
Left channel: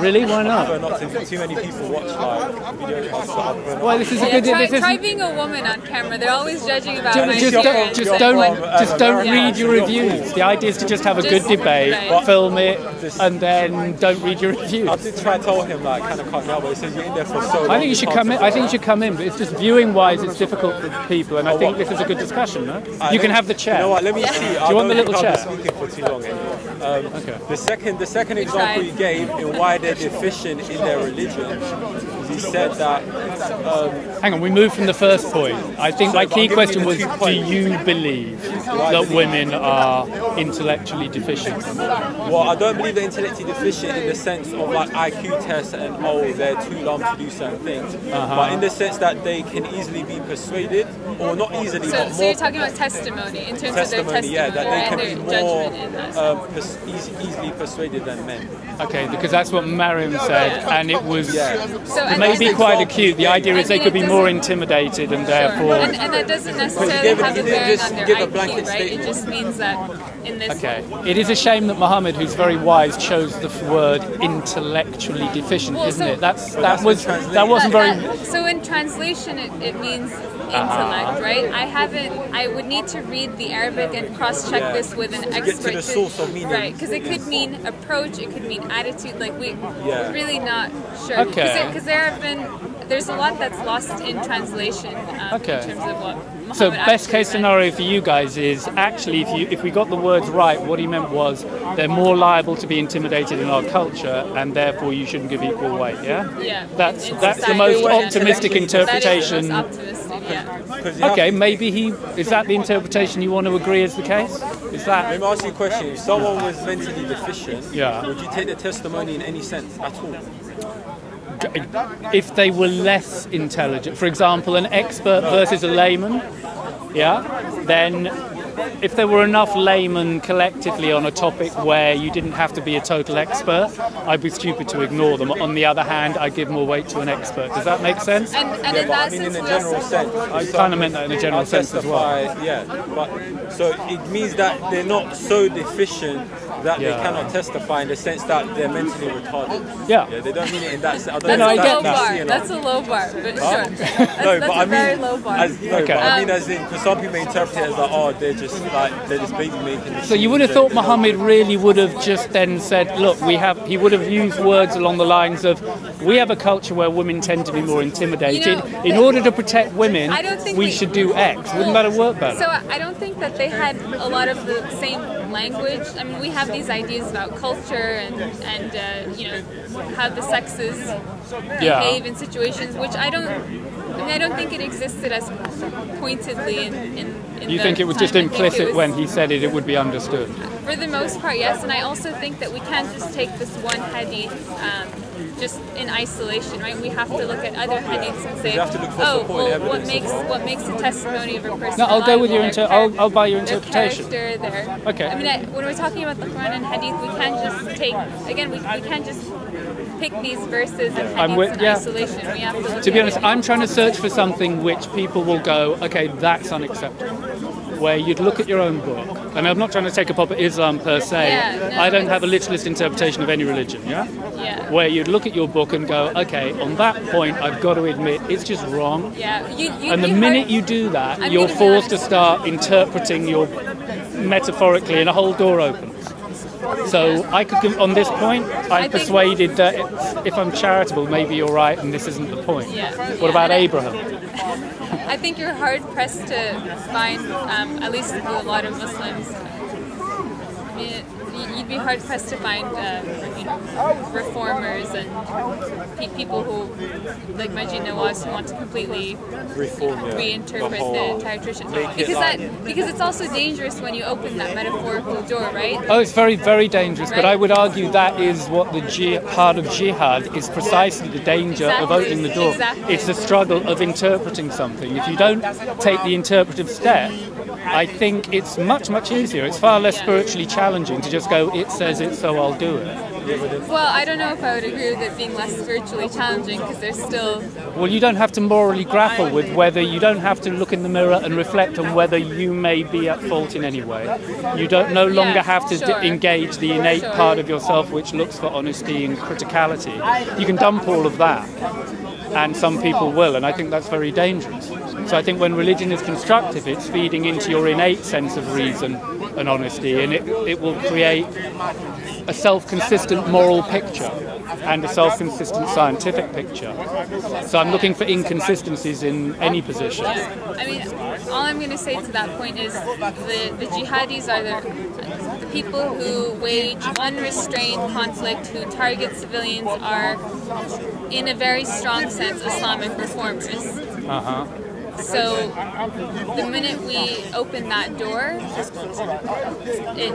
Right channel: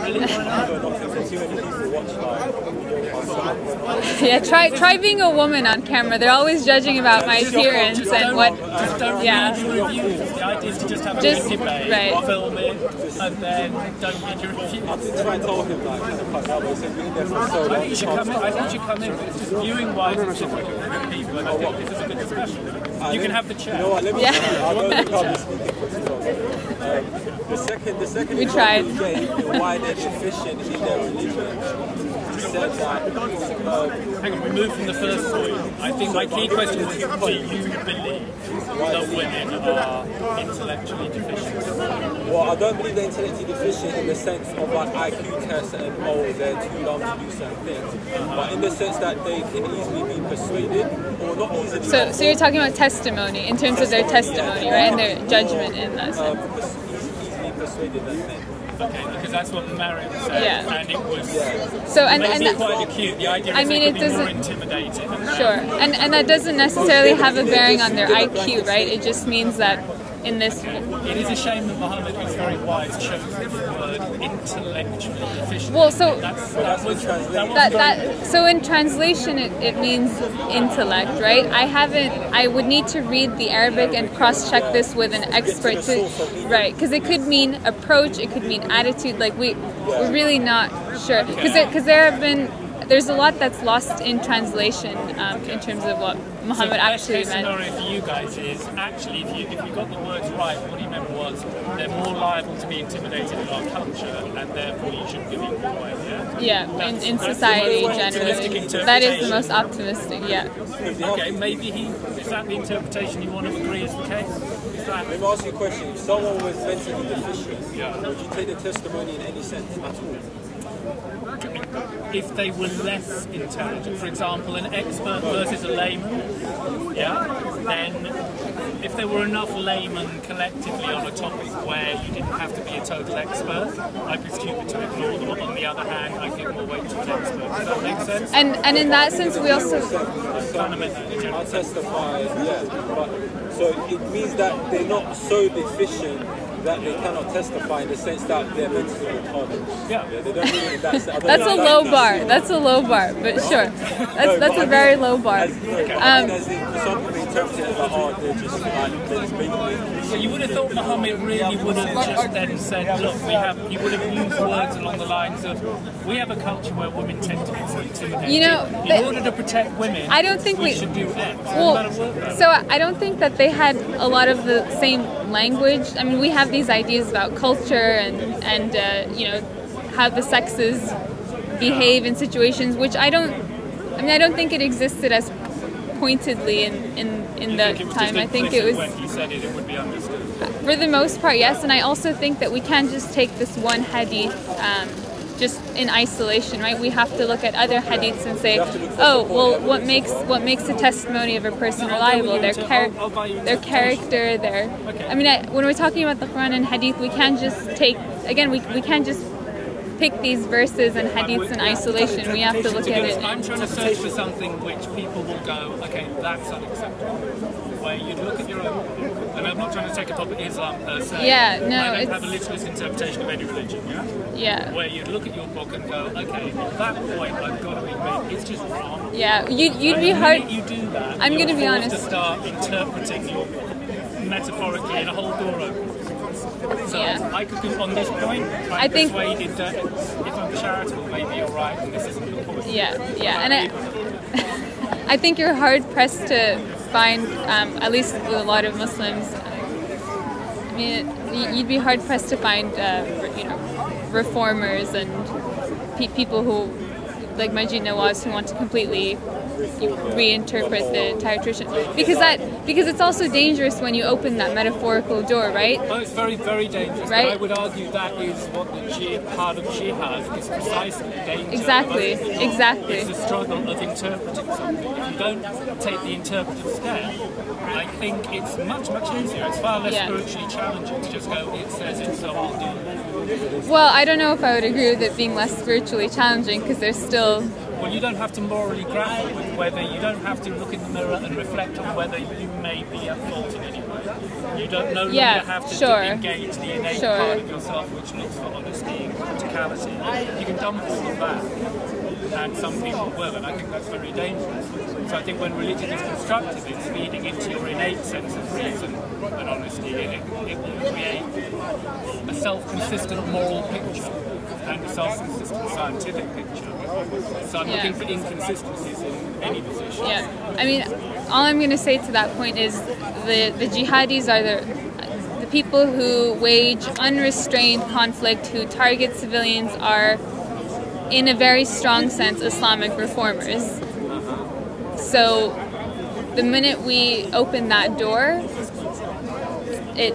Really? Why not? Not too many people watch like videos. Well, this is try being a woman on camera. They're always judging about my appearance. Just don't read your reviews. The idea is to just have a good debate, film it, and then don't read your reviews. I did try to tell him like kind of cut down, but he said being there for so long. I think you should come in. But it's just viewing-wise, it's difficult for people, and I think this is a good discussion. No? You can have the chair. You know what? Let me. Yeah. Do you want the little chair? Speaking for too long. The second example he gave in why they're deficient in their religion. He said that. Hang on, we moved from the first point. I think my key question was: do you believe that women are intellectually deficient? Well, I don't believe they're intellectually deficient in the sense of like IQ tests and they're too long to do certain things, but in the sense that they can easily be persuaded, or not easily. So you're talking about testimony in terms of their testimony, right, and their judgment in that sense. Easily persuaded than men. Okay, because that's what Mariam said, and it was maybe quite acute. The idea is they could be more intimidated, and therefore. And that doesn't necessarily have a bearing on their IQ, right? It just means that in this. Okay. It is a shame that Muhammad, who's very wise, chose the word intellectually deficient. Well, so that wasn't very. So in translation, it means intellect, right? I would need to read the Arabic and cross-check this with an expert right? Because it could mean approach, it could mean attitude. Like we're really not sure because there's a lot that's lost in translation in terms of what Muhammad So best actually case meant. scenario for you guys is actually if we got the words right, what he meant was they're more liable to be intimidated in our culture, and therefore you shouldn't give equal weight. Yeah. Yeah. That's in the society most generally. optimistic interpretation. That is the most optimistic. Yeah. Okay, maybe is that the interpretation you want to agree is the case? Is that? Let me ask you a question. If someone was mentally deficient, Yeah. would you take their testimony in any sense at all? If they were less intelligent, for example, an expert versus a layman, yeah, then if there were enough laymen collectively on a topic where you didn't have to be a total expert, I'd be stupid to ignore them. On the other hand, I give more weight to an expert. Does that make sense? And in that sense, we also. I kind of meant that in a general sense as well. Yeah, but so it means that they're not so deficient that they Yeah. cannot testify in the sense that they're mentally retarded. Yeah. They don't really. That's That's a low bar. That's a low bar, but sure. That's a very low bar. Okay. I mean, as in, some people interpret it as like, oh, they're just baby making. So you would have thought Muhammad really would have just then said, look, he would have used words along the lines of, we have a culture where women tend to be more intimidated. You know, in order to protect women, I don't think we we- should do X. Wouldn't Well, that have worked better? So I don't think that they had a lot of the same language. I mean, we have these ideas about culture and you know, how the sexes behave in situations, which I don't think it existed as pointedly in you the think it was time. just I think implicit it was, when he said it would be understood? for the most part, yes. And I also think that we can't just take this one hadith just in isolation, right? We have to look at other hadiths and say, oh, well, what makes the testimony of a person No, I'll go reliable? with your I'll buy your Their interpretation. character, their. Okay. I mean, when we're talking about the Quran and hadith, we can't just take again. We can't just pick these verses and hadiths in isolation. We have to look To at be honest, it. I'm trying to search for something which people will go, okay, that's unacceptable. Where you'd look at your own book, and I'm not trying to take a pop at Islam per se. Yeah, no, I don't it's- have a literalist interpretation of any religion, yeah? Yeah. Where you'd look at your book and go, okay, on that point, I've got to admit, it's just wrong. Yeah. You'd And be the hard. minute you do that, I'm you're gonna be forced to honest. start interpreting your metaphorically, and a whole door opens. So Yeah. I could, on this point, I'm I think- persuaded that if I'm charitable, maybe you're right, and this isn't the point. Yeah. What yeah. about And Abraham? I think you're hard pressed to find, at least with a lot of Muslims. I mean, you'd be hard pressed to find, you know, reformers and people who, like Majid Nawaz, who want to completely reinterpret the entire tradition. Because it's also dangerous when you open that metaphorical door, right? Oh, it's very, very dangerous. But Right? I would argue that is what the part of jihad is, precisely the danger of Exactly, opening the door. exactly. It's the struggle of interpreting something. If you don't take the interpretive step, I think it's much, much easier. It's far less Yeah. spiritually challenging to just go, it says it, so I'll do it. Well, I don't know if I would agree with it being less spiritually challenging because there's still. Well, you don't have to morally grapple with whether, you don't have to look in the mirror and reflect on whether you may be at fault in any way. You don't no Yeah, longer have to sure. engage the innate Sure. part of yourself which looks for honesty and criticality. You can dump all of that, and some people will, and I think that's very dangerous. So I think when religion is constructive, it's feeding into your innate sense of reason and honesty, and it will create a self-consistent moral picture and a self-consistent scientific picture. So I'm looking for inconsistencies in any position. Yeah, I mean, all I'm going to say to that point is the jihadis are the people who wage unrestrained conflict, who target civilians, are, in a very strong sense, Islamic reformers. So the minute we open that door, it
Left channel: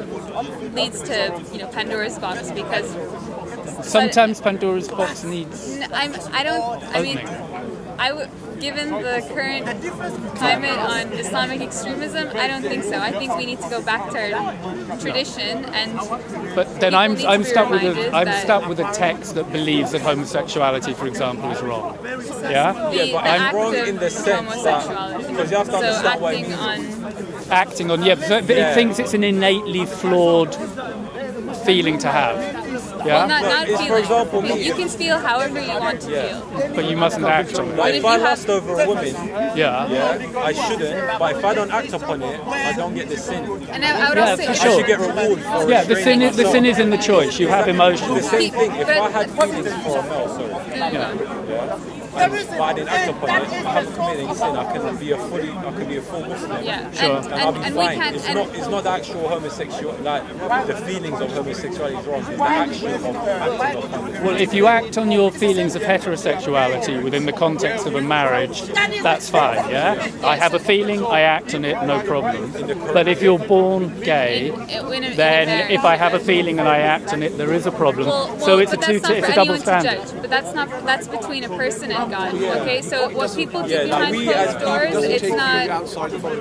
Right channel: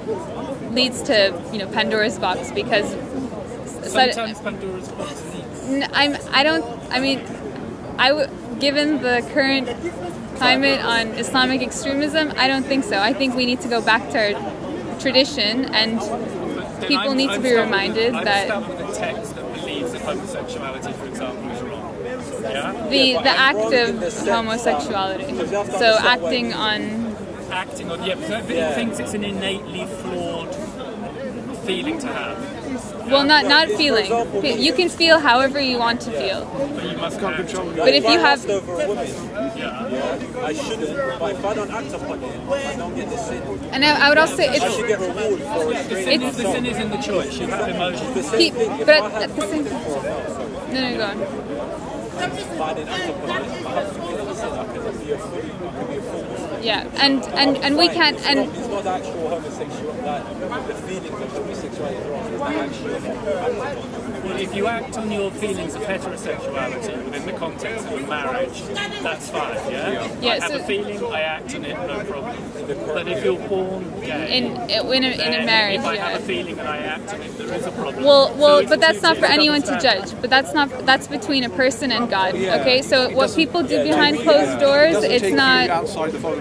leads to, you know, Pandora's box, because Sometimes Pandora's box needs... given the current climate on Islamic extremism, I don't think so. I think we need to go back to our tradition, and But then people need to be reminded I'm that stuck with a text that believes that homosexuality, for example, is wrong. Yeah? the act wrong in the of sense homosexuality. because you have to So understand what it acting means. on. Acting on, but it thinks it's an innately flawed feeling to have. Yeah? Well, not it's, for feeling. example, me. You can feel however you want to feel. But you mustn't act on it. But if I you have- lust over a woman, Yeah. I shouldn't. But if I don't act upon it, I don't get the sin. And I would also for say I sure. should get reward for Yeah, the sin restraining is in the choice. You have emotions. the same thing. If but I had at the same something for a male, sorry. No, go on. but I didn't act upon it, I haven't committed any sin. I can be a full Muslim. Yeah, Sure. and we can't. It's not the actual homosexual, like the feelings of homosexuality is wrong. It's the action of acting upon it. Well, if you act on your feelings of heterosexuality within the context of a marriage, that's fine, yeah? I have a feeling, I act on it, no problem. But if you're born gay, then if I have a feeling and I act on it, there is a problem. Well, but that's not for anyone to judge. But that's between a person and God. Okay, so what people do behind closed doors, it's not.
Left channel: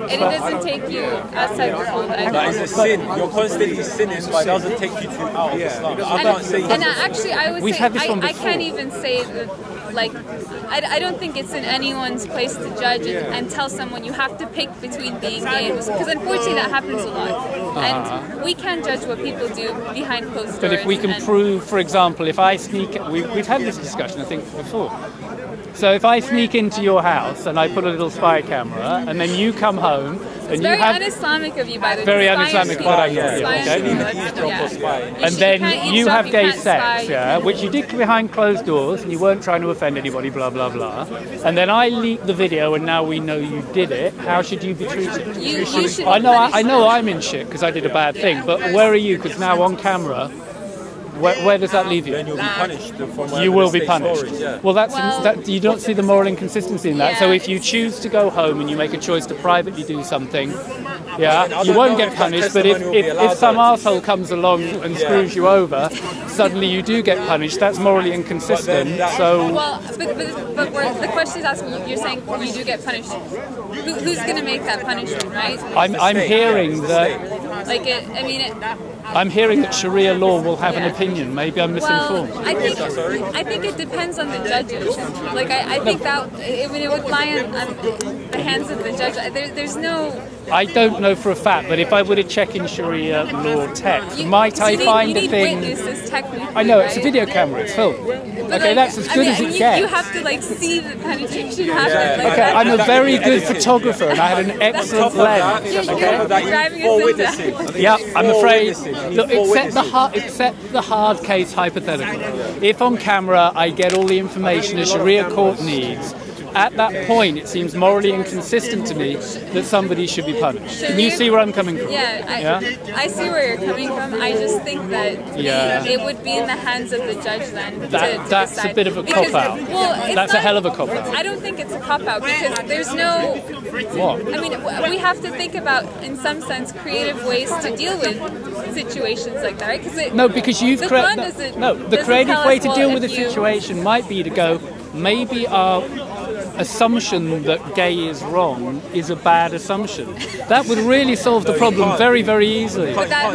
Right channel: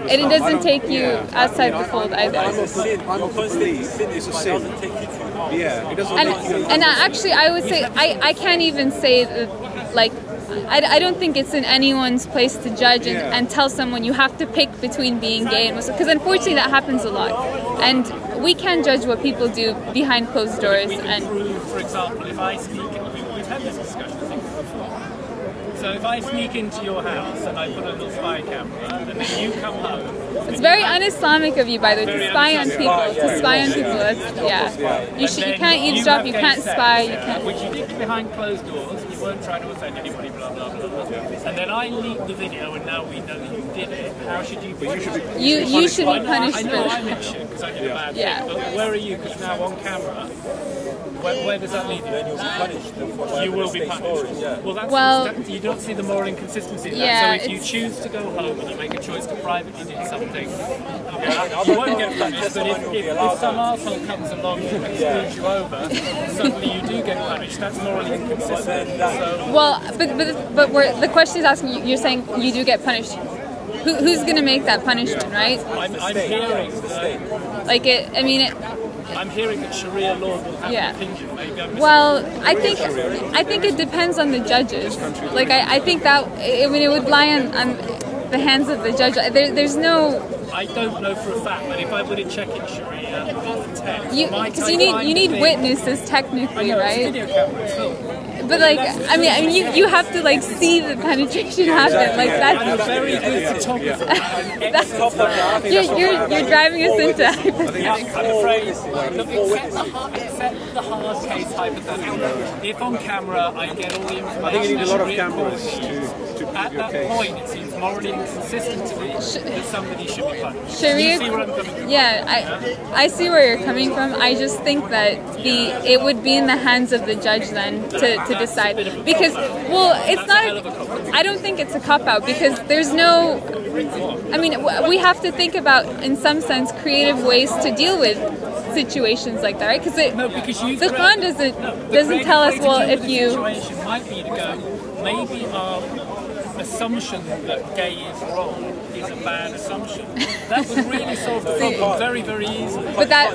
It doesn't take you outside the fold either. It's a sin. You're constantly sinning, but it doesn't take you out. And actually, I would say I can't even say that, like, I don't think it's in anyone's place to judge and tell someone you have to pick between being gay and Muslim, because unfortunately that happens a lot, and we can't judge what people do behind closed doors. But if we can prove, for example, if I sneak, we've had this discussion I think before. So if I sneak into your house and I put a little spy camera, and then you come home, it's very un-Islamic of you, by the way, to spy on people. To spy on people, you can't eavesdrop, you can't spy. Which you did behind closed doors, and you weren't trying to offend anybody, blah blah blah. And then I leaked the video, and now we know you did it. How should you be treated? You should be punished. I know I'm in shit because I did a bad thing, but where are you? Because now on camera. Where does that leave you? Then you'll be punished. You will be punished. Well, you don't see the moral inconsistency in that. Yeah, so if you choose to go home and you make a choice to privately do something, you won't get punished. But if some arsehole comes along and screws you over, suddenly you do get punished. That's morally inconsistent. So but the question is asking. You're saying you do get punished. Who's going to make that punishment, right? I'm hearing that. I'm hearing that Sharia law will have an opinion. Maybe I'm misinformed. Well, I think it depends on the judges. Like I think that it would lie on the hands of the judge. There's no. I don't know for a fact, but if I were to check in Sharia law text, you need witnesses technically. I know, right? it's a video camera, it's film. But you have to see the penetration happen. I'm a very good photographer, and I had an excellent lens. You're driving us into. Yeah, I'm afraid. Look, except the hard case hypothetical. If on camera I get all the information a Sharia court needs. At that point, it seems morally inconsistent to me that somebody should be punished. Can you see where I'm coming from? I see where you're coming from. I just think that it would be in the hands of the judge then to decide. That's a bit of a cop-out. Well, that's a hell of a cop-out. I don't think it's a cop-out because there's no... What? I mean, we have to think about, in some sense, creative ways to deal with situations like that, right? Because you've the Quran doesn't tell us, way to deal with a situation might be to go, maybe our assumption that gay is wrong is a bad assumption. That would really solve the problem very, very easily. But then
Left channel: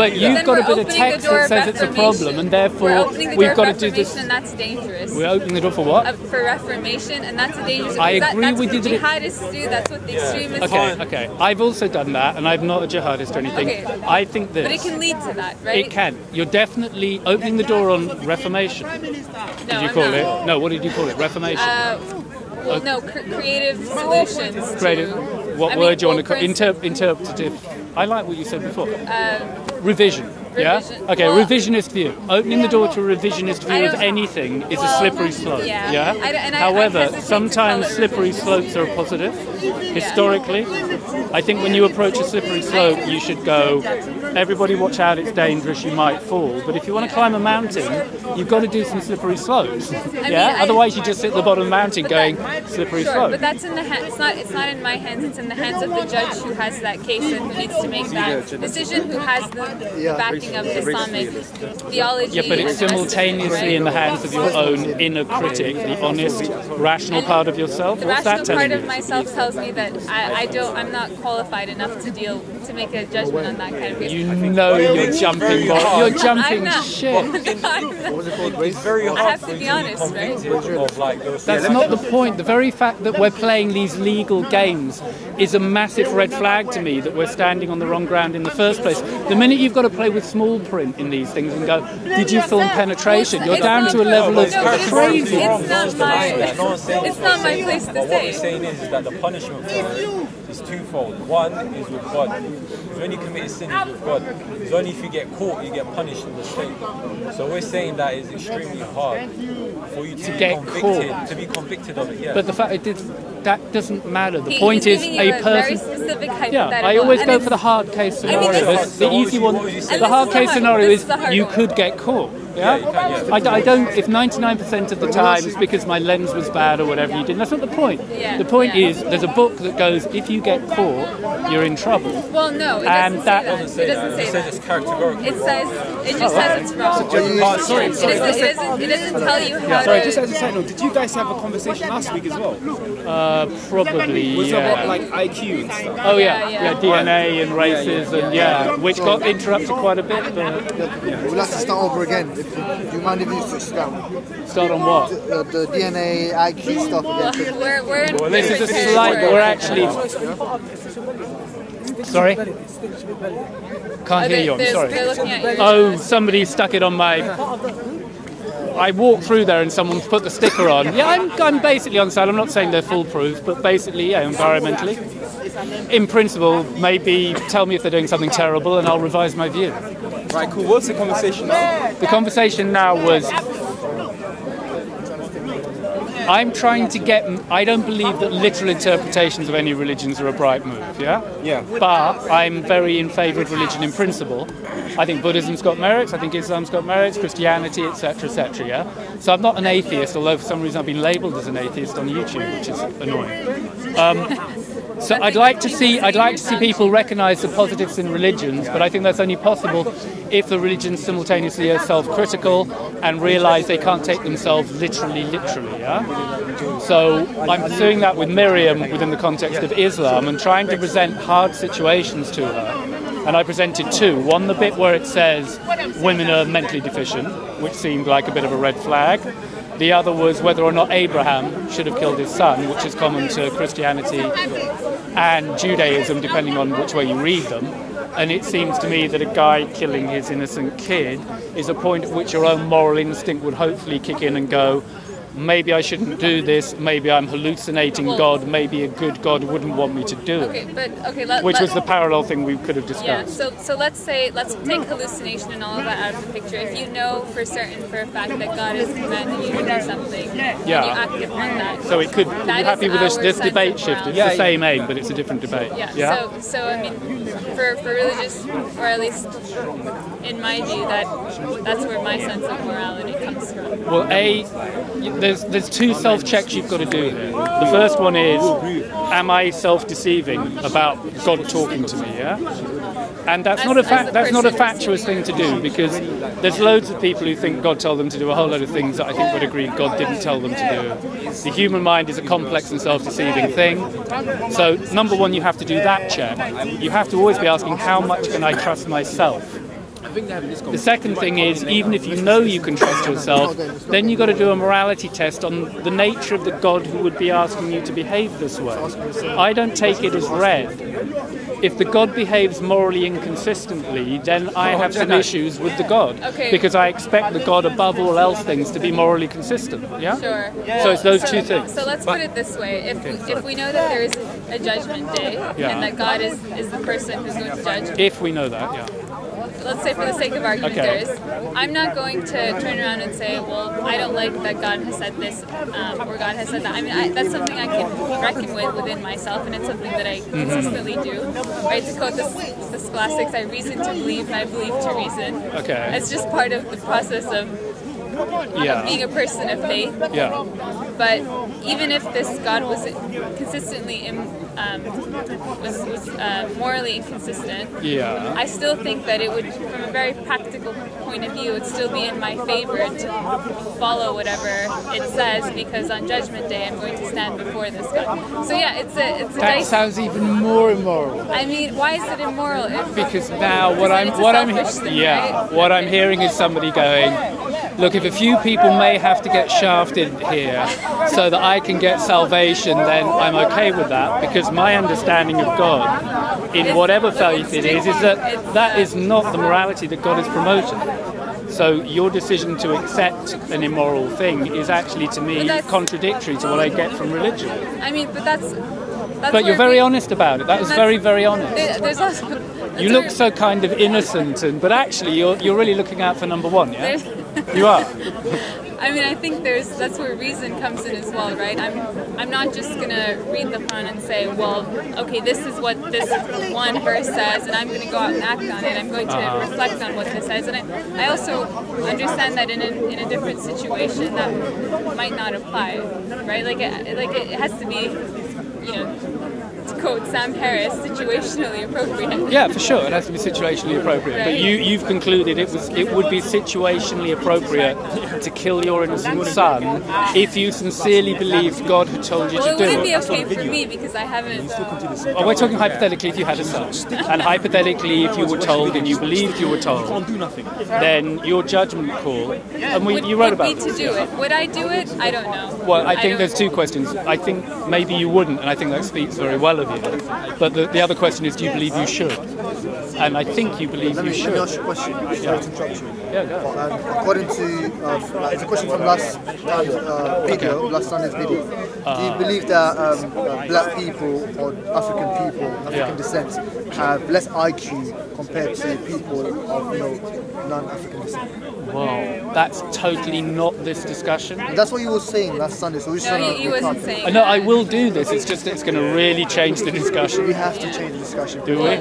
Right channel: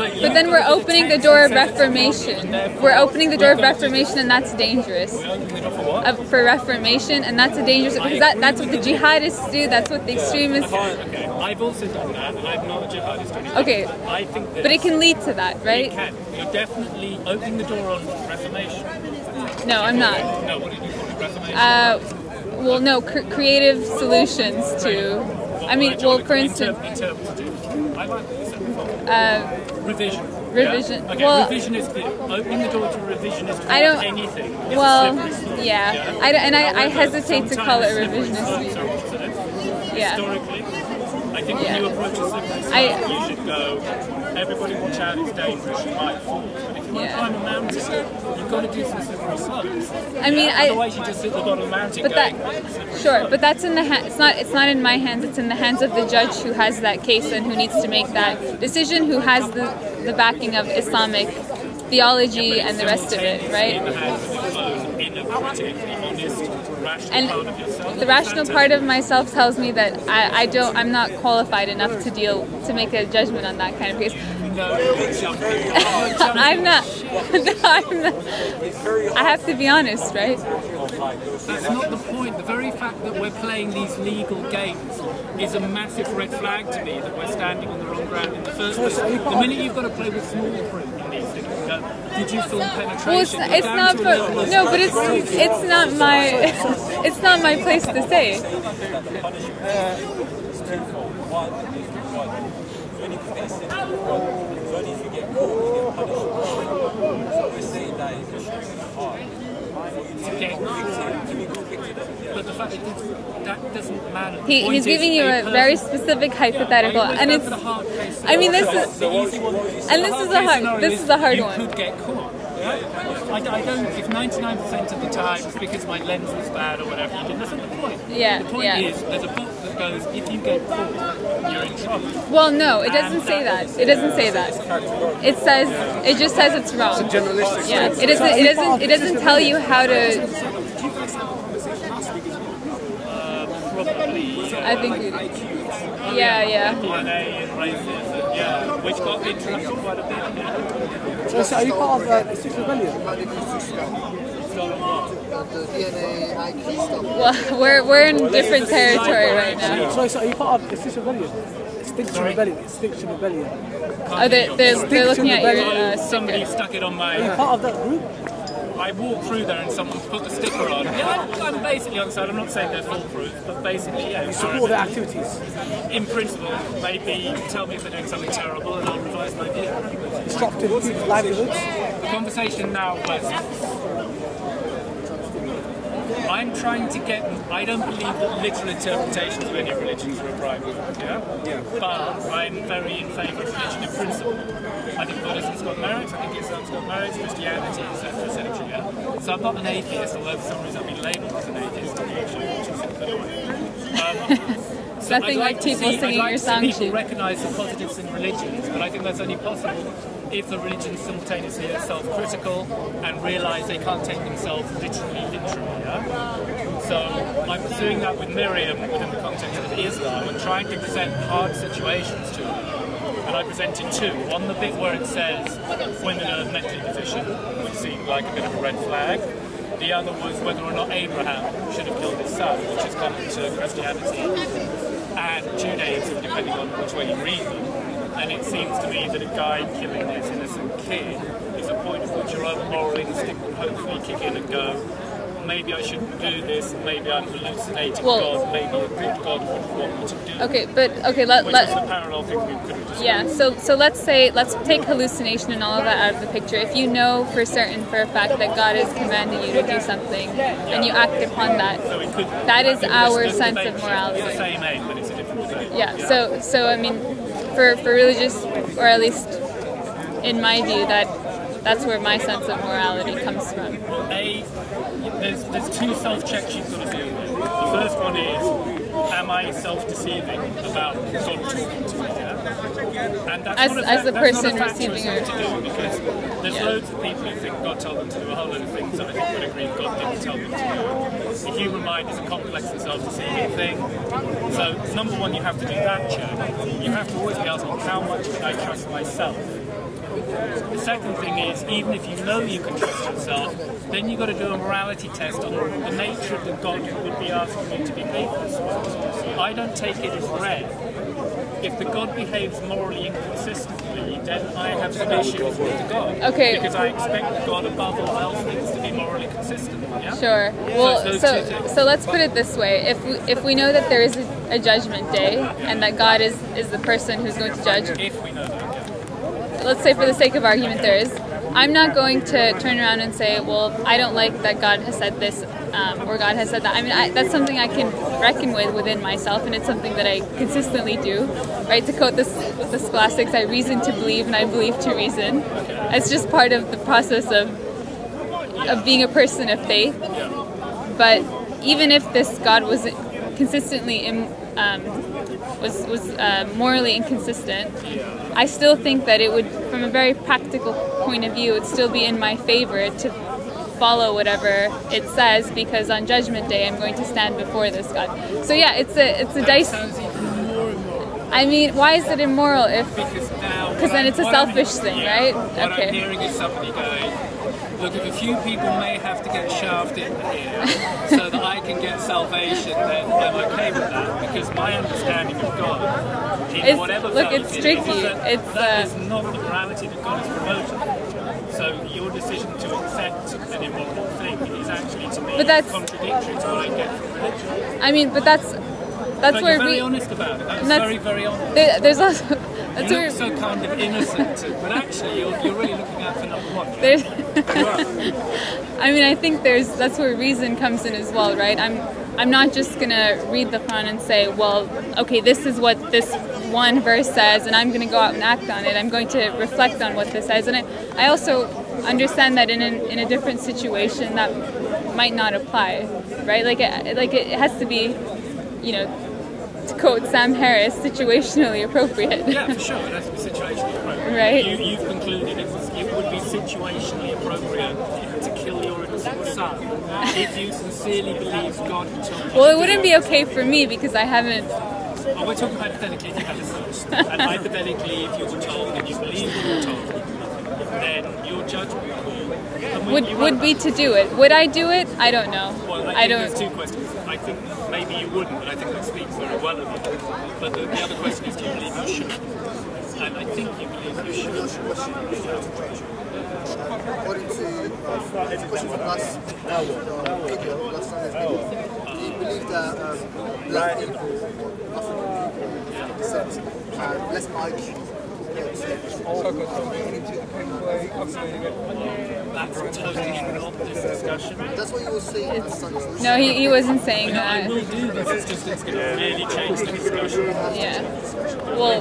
we're opening the door of reformation. We're opening the door of reformation, and that's dangerous. We're opening the door for what? For reformation, and that's a dangerous. That's what the jihadists do. That's what the extremists do. Okay. I've also done that, and I'm not a jihadist or anything. Okay. I think this. But it can lead to that, right? It can. You're definitely opening the door on reformation. No, I'm not. No, what did you call it? Reformation. Well, no, creative solutions to. What word do you want to call it? Interpretative. I like what you said before. Revision. Revision. Yeah? Okay, revisionist view. Opening the door to a revisionist view of anything is a slippery slope. Yeah. However, I hesitate to call it slippery slopes are a positive. Historically, I think when you approach a slippery slope, you should go, everybody watch out, it's dangerous, you might fall. But if you want to climb a mountain, you've got to do some slippery slopes. Otherwise you just sit at the bottom of the mountain going, slippery slope. Sure, but that's in the it's not in my hands, it's in the hands of the judge who has that case and who needs to make that decision, who has the backing of Islamic theology and the rest of it, simultaneously in the hands of your own inner critic, the honest, rational part of yourself. The rational part of myself tells me that I'm not qualified enough to make a judgment on that kind of case. You know you're jumping. You're jumping. I'm not. Shit. No, I'm not. I have to be honest, right? That's not the point. The very fact that we're playing these legal games is a massive red flag to me that we're standing on the wrong ground in the first place. The minute you've got to play with small print in these things and go, did you film penetration? Well, you're down to a level of no, but it's not my place to say. The punishment is twofold. One is with God. you only commit a sin with God. It's only if you get caught, you get punished. So we're saying that it's extremely hard for you to get caught, to be convicted of it. Yeah. But the fact that doesn't matter. The point he's is giving you a very specific hypothetical. Yeah, I always and go for the hard case scenario. I mean, this is the easy one. The hard case scenario is you could get caught. Yeah? I don't, if 99% of the time it's because my lens was bad or whatever you did, that's not the point. Yeah, the point is, there's a book that goes, if you get caught, you're in trouble. Well, no, it doesn't say that. It doesn't say that. It says, it just says it's wrong. Yeah. It doesn't tell you how to... Did you guys have a conversation last week as well? Probably, was it like IQ and stuff? Oh yeah, DNA and races and which got interrupted quite a bit. Let's start over again. Do you mind if we start on what? The DNA, IQ stuff. Well, we're in different territory right now. So are you part of Extinction Rebellion? Extinction Rebellion. Can't hear you, I'm sorry. They're looking at your... Oh, somebody stuck it on my... Are you part of that group? I walked through there and someone's put the sticker on. Yeah, I'm basically on side. I'm not saying they're foolproof, but basically, yeah, environmentally. In principle, maybe tell me if they're doing something terrible and I'll revise my view. Right, cool. What's the conversation? The conversation now was... I'm trying to get... I don't believe that literal interpretations of any religions are a bright move, yeah? Yeah. But I'm very in favour of religion in principle. I think Buddhism's got merits, I think Islam's got merits, Christianity, etc., yeah? So I'm not an atheist, although for some reason I've been labelled as an atheist on YouTube, which is annoying. So I'd like to see people recognise the positives in religions, but I think that's only possible if the religions simultaneously are self-critical and realise they can't take themselves literally, yeah? So I'm pursuing that with Miriam within the context of Islam and trying to present hard situations to her. And I presented two. One, the bit where it says women are mentally deficient, which seemed like a bit of a red flag. The other was whether or not Abraham should have killed his son, which is common to Christianity and Judaism, depending on which way you read them. And it seems to me that a guy killing his innocent kid is a point at which your own moral instinct would hopefully kick in and go, maybe I shouldn't do this, maybe I'm hallucinating God, maybe a good God wouldn't want me to do it. Which was the parallel thing we could have discussed. Yeah, so let's take hallucination and all of that out of the picture. If you know for certain, for a fact, that God is commanding you to do something, and you act upon that, so it could, that is our this debate shift. It's the same aim, but it's a different debate. Yeah. So I mean, for religious, or at least in my view, that's where my sense of morality comes from. Well, there's two self-checks you've got to do here. The first one is, am I self-deceiving about God talking to me, yeah? And that's not a fatuous thing to do, because there's loads of people who think God told them to do a whole load of things that I think would agree God didn't tell them to do. The human mind is a complex and self-deceiving thing. So, number one, you have to do that check. You have to always be asking, how much can I trust myself? The second thing is, even if you know you can trust yourself, then you've got to do a morality test on the nature of the God who would be asking you to behave this way. I don't take it as read. If the God behaves morally inconsistently, then I have some issues with the God. Because I expect the God above all else things to be morally consistent. Yeah? Sure. So it's those two things. So let's put it this way. If we know that there is a judgment day, and that God is the person who's going to judge. If we know that, yeah. Let's say for the sake of argument there is, I'm not going to turn around and say, well, I don't like that God has said this, or God has said that. I mean, that's something I can reckon with within myself, and it's something that I consistently do. Right? To quote the scholastics, I reason to believe and I believe to reason. It's just part of the process of being a person of faith. But even if this God was consistently was morally inconsistent, I still think that it would, from a very practical point of view, it would still be in my favor to follow whatever it says, because on Judgment Day I'm going to stand before this God. So yeah, it's a that sounds even more immoral. I mean, why is it immoral if? Because now it's a selfish thing, right? What I'm hearing is somebody going, look, if a few people may have to get shafted here so that I can get salvation, then I'm okay with that, because my understanding of God, in whatever faith it is that is not the morality that God is promoting. So your decision to accept an immoral thing is actually, to me, contradictory to what I get from religion. I mean, but that's but you're very honest about it. That was very, very honest. You look so kind of innocent, but actually you're really looking out for number one, yeah? You are. I mean, I think that's where reason comes in as well, right? I'm not just gonna read the Quran and say, well, okay, this is what this one verse says, and I'm gonna go out and act on it. I'm going to reflect on what this says, and I also understand that in a different situation that might not apply, right? Like it has to be, you know, to quote Sam Harris, situationally appropriate. Yeah, for sure, it has to be situationally appropriate. Right. But you've concluded it would be situationally appropriate to kill your innocent son if you sincerely believed God had told you to do it. Well, it wouldn't be okay for me because I haven't. Oh, we're talking hypothetically if you had a son. And hypothetically if you were told and you believed you were told, then your judgment call would be to do it. Would I do it? I don't know. Well, I think there's two questions. I think maybe you wouldn't, and I think that speaks very well of you. But the other question is, do you believe you should? And I think you believe you should. Let me ask you a question. Yeah, go. According to it's a question from last video, last Sunday's video. Do you believe that black people or African people, African descent, have less IQ compared to people of non-African descent? Well, that's totally not this discussion. That's what you were saying last Sunday. So no, he wasn't saying that. No, I will do this. It's just it's going to really change the discussion. We have to change the discussion. Do we?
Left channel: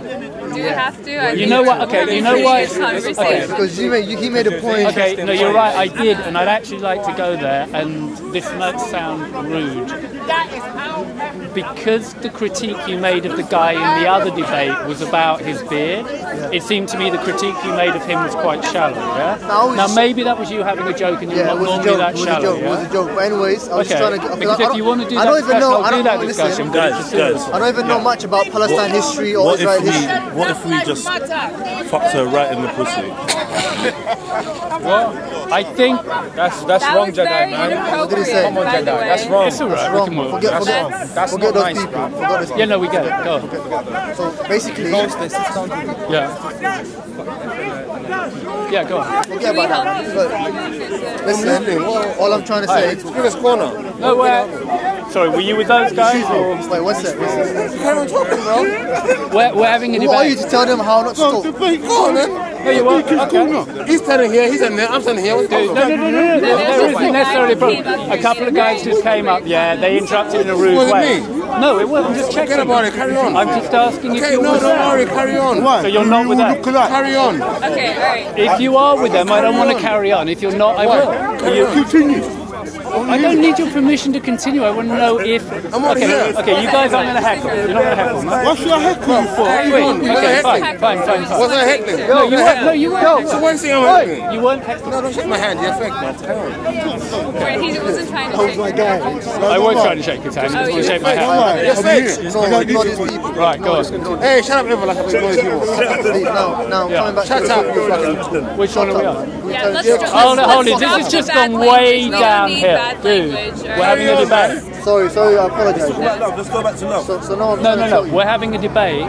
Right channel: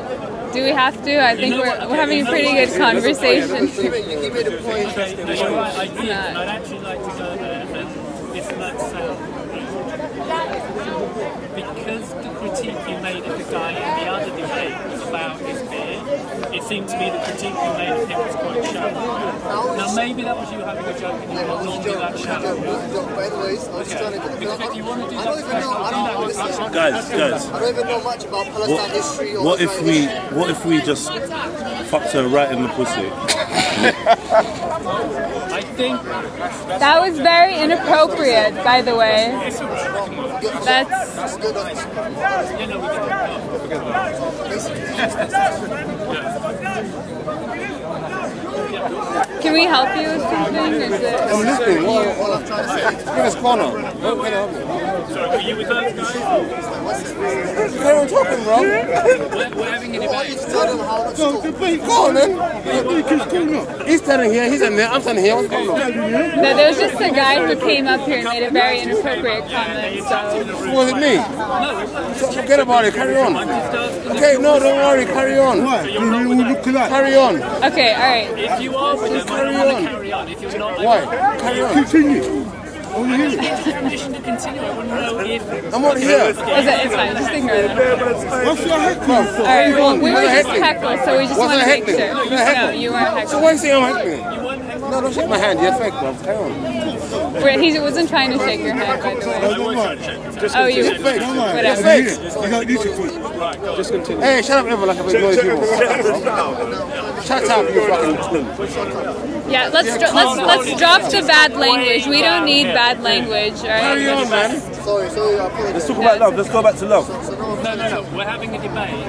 Do we have to? I think we're having pretty good conversation. Because he made a point. Okay, no, you're right, I did, and I'd actually like to go there, and this might sound rude. Because the critique you made of the guy in the other debate was about his beard, it seemed to me the critique you made of him was quite shallow, yeah? Now maybe that was you having a joke and you're not normally that shallow, yeah? It was a joke, but anyways, I was trying to... Because if you want to do that discussion, I'll do that discussion. Guys. I don't even know much about Palestine history or what if we just fucked her right in the pussy? Well, I think that was very inappropriate, by the way. It's alright, we can work. Forget those people. Yeah, no, we get it. Go on. So basically, yeah, go on. Can we help you with something? I'm listening. All I'm trying to say is... Biggest corner. Oh, sorry, were you with those guys? Or? Wait, what's that? Carry on talking, bro. We're having a debate. Who are you to tell them how not to talk? Debate. Go on, then. He's standing here, he's standing there, I'm standing here. What's going on? No, there's just a guy who came up here. A couple of guys just came up, they interrupted in a rude way. Was it me? No, it wasn't. Just forget about it, carry on. I'm just asking Okay, no, don't worry, carry on. So you're not with them? Carry on. Okay, alright. If you are with them, I don't want to carry on. If you're not, I will. Carry on. Continue. I don't need your permission to continue. I want to know if... I'm not here. Okay, you guys are going to heckle. What's your heckling for? We were just heckling, so we just want to make sure. No, you weren't heckling. So why are you saying I'm heckling? You weren't heckling. No, don't shake my hand. You're fake, bro. Carry on. He wasn't trying to shake your hand, by the way. I was trying to shake his hand. Oh, you were shake my hand. You're fake. Right, go on. Hey, shut up, ever like a big noisy people. Shut up, you fucking tool. Which one are we on? Yeah, let's drop the bad language. We don't need bad language. Carry on, man. Sorry, I apologize. Let's talk about love. Let's go back to love. No. We're having a debate.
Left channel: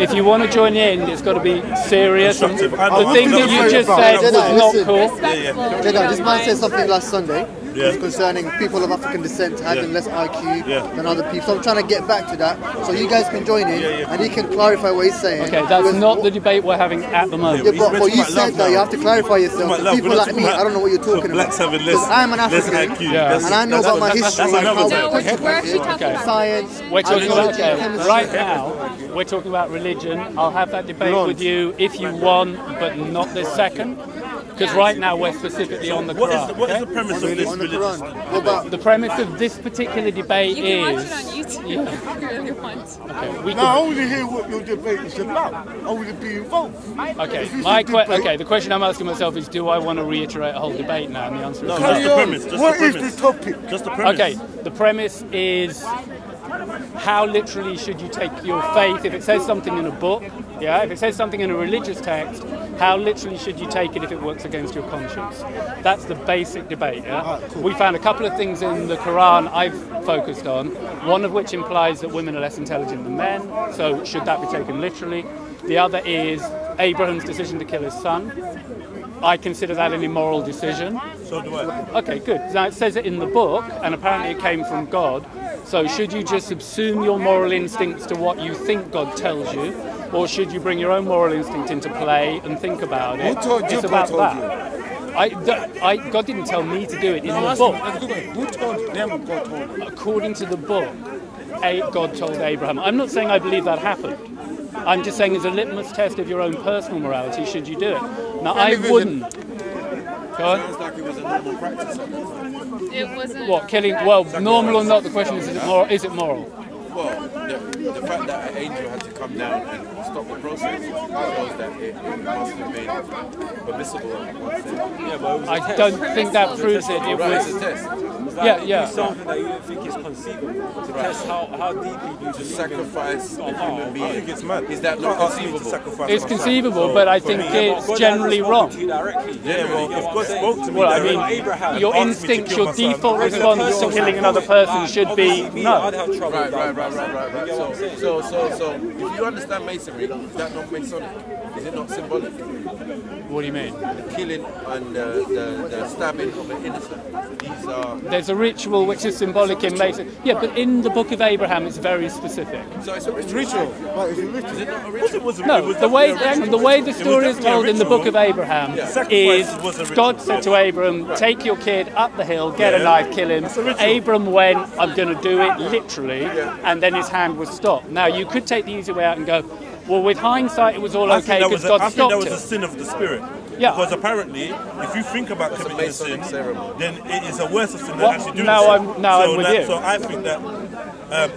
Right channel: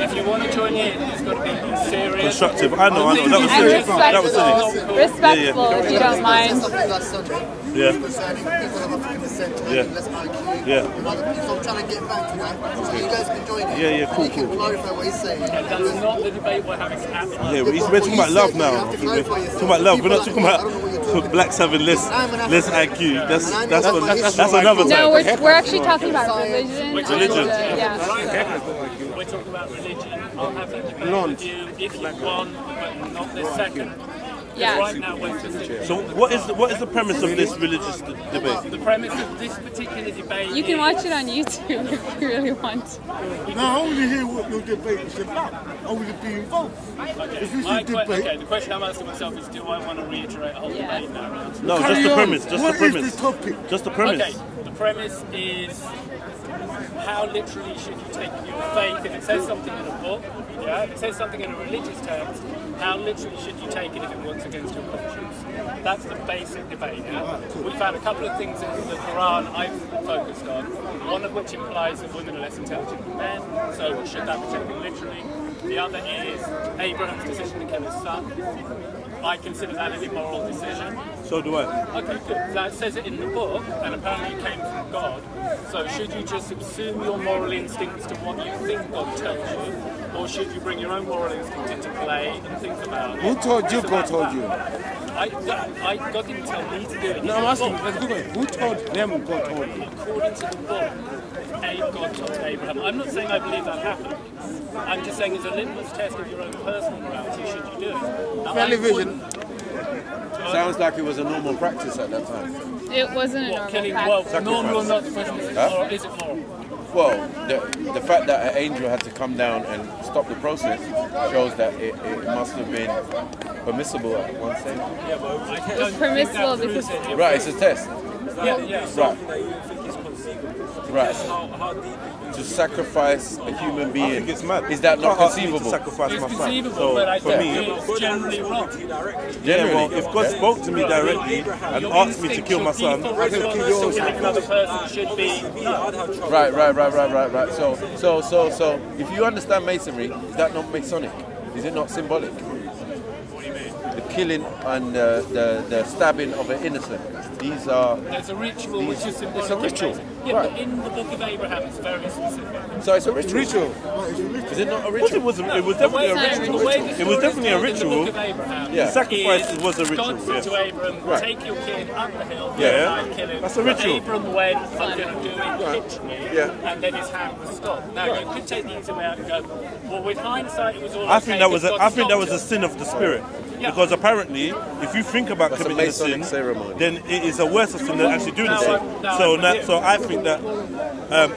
If you want to join in, it's got to be serious. Constructive. I know. The thing you just said was not cool. Respectful, if you don't mind. I said something last Sunday concerning people of African descent having less IQ than other people. So I'm trying to get back to that, so you guys can join in and he can clarify what he's saying. Okay, that's not the debate we're having at the moment. We're talking about love now. You have to clarify yourself. Talking about love. We're not talking about. I don't know what you're talking about. Blacks having less IQ. That's another. No, we're actually talking about religion. We're talking about right now. We're talking about religion. I'll have that debate with you if you want, but not this second. Because right now we're specifically on the what is the premise of this religious debate? The premise of this particular debate is... You can watch it on YouTube if you really want. Okay, I want to hear what your debate is about. I want to be involved. Okay, the question I'm asking myself is, do I want to reiterate a whole debate now? And the answer is no, just the premise. What is the topic? Just the premise. Okay, the premise is... How literally should you take your faith? If it says something in a book, if it says something in a religious text, how literally should you take it if it works against your conscience? That's the basic debate, Cool. We found a couple of things in the Quran I've focused on, one of which implies that women are less intelligent than men, so should that be taken literally? The other is Abraham's decision to kill his son. I consider that an immoral decision. So do I. Okay, good. Now it says it in the book, and apparently it came from God. So should you just subsume your moral instincts to what you think God tells you, or should you bring your own moral instinct into play and think about it? Who told you God told you? God didn't tell me to do it. No, I'm asking, that's a good one. Who told them God told you? According to the book, God told Abraham. I'm not saying I believe that happened. I'm just saying it's a litmus test of your own personal morality, should you do it. Now, I wouldn't. Sounds like it was a normal practice at that time. It wasn't what, killing? Well, normal or not, the question is, is it moral? Well, the fact that an angel had to come down and stop the process shows that it must have been permissible at one stage. Yeah, but I don't think that proves it. Right, it's a test. Yeah. Something that you don't think is conceivable. To test how deeply to sacrifice a human being. I think it's mad. Is that not conceivable? It's conceivable, but I think it's generally wrong. Yeah, well, if God spoke to me directly and your asked me to instinct, kill your my son, default response to killing another person should be no. Right. So if you understand masonry, is that not Masonic? Is it not symbolic? What do you mean? The killing and the stabbing of an innocent. These are... There's a ritual which is symbolic in Mason. Yeah, right. But in the Book of Abraham it's very specific. So it's a ritual. No, it's a ritual. Is it not a ritual? The way the story is told in the Book of Abraham is God said to Abram, take your kid up the hill, get a knife, kill him. Abram went, I'm going to do it, literally, and then his hand was stopped. Now, you could take the easy way out and go, well, with hindsight, it was all okay. I think that was a sin of the spirit. Yeah. Because apparently, if you think about committing a sin, then it is a worse sin than actually doing the sin. So I think that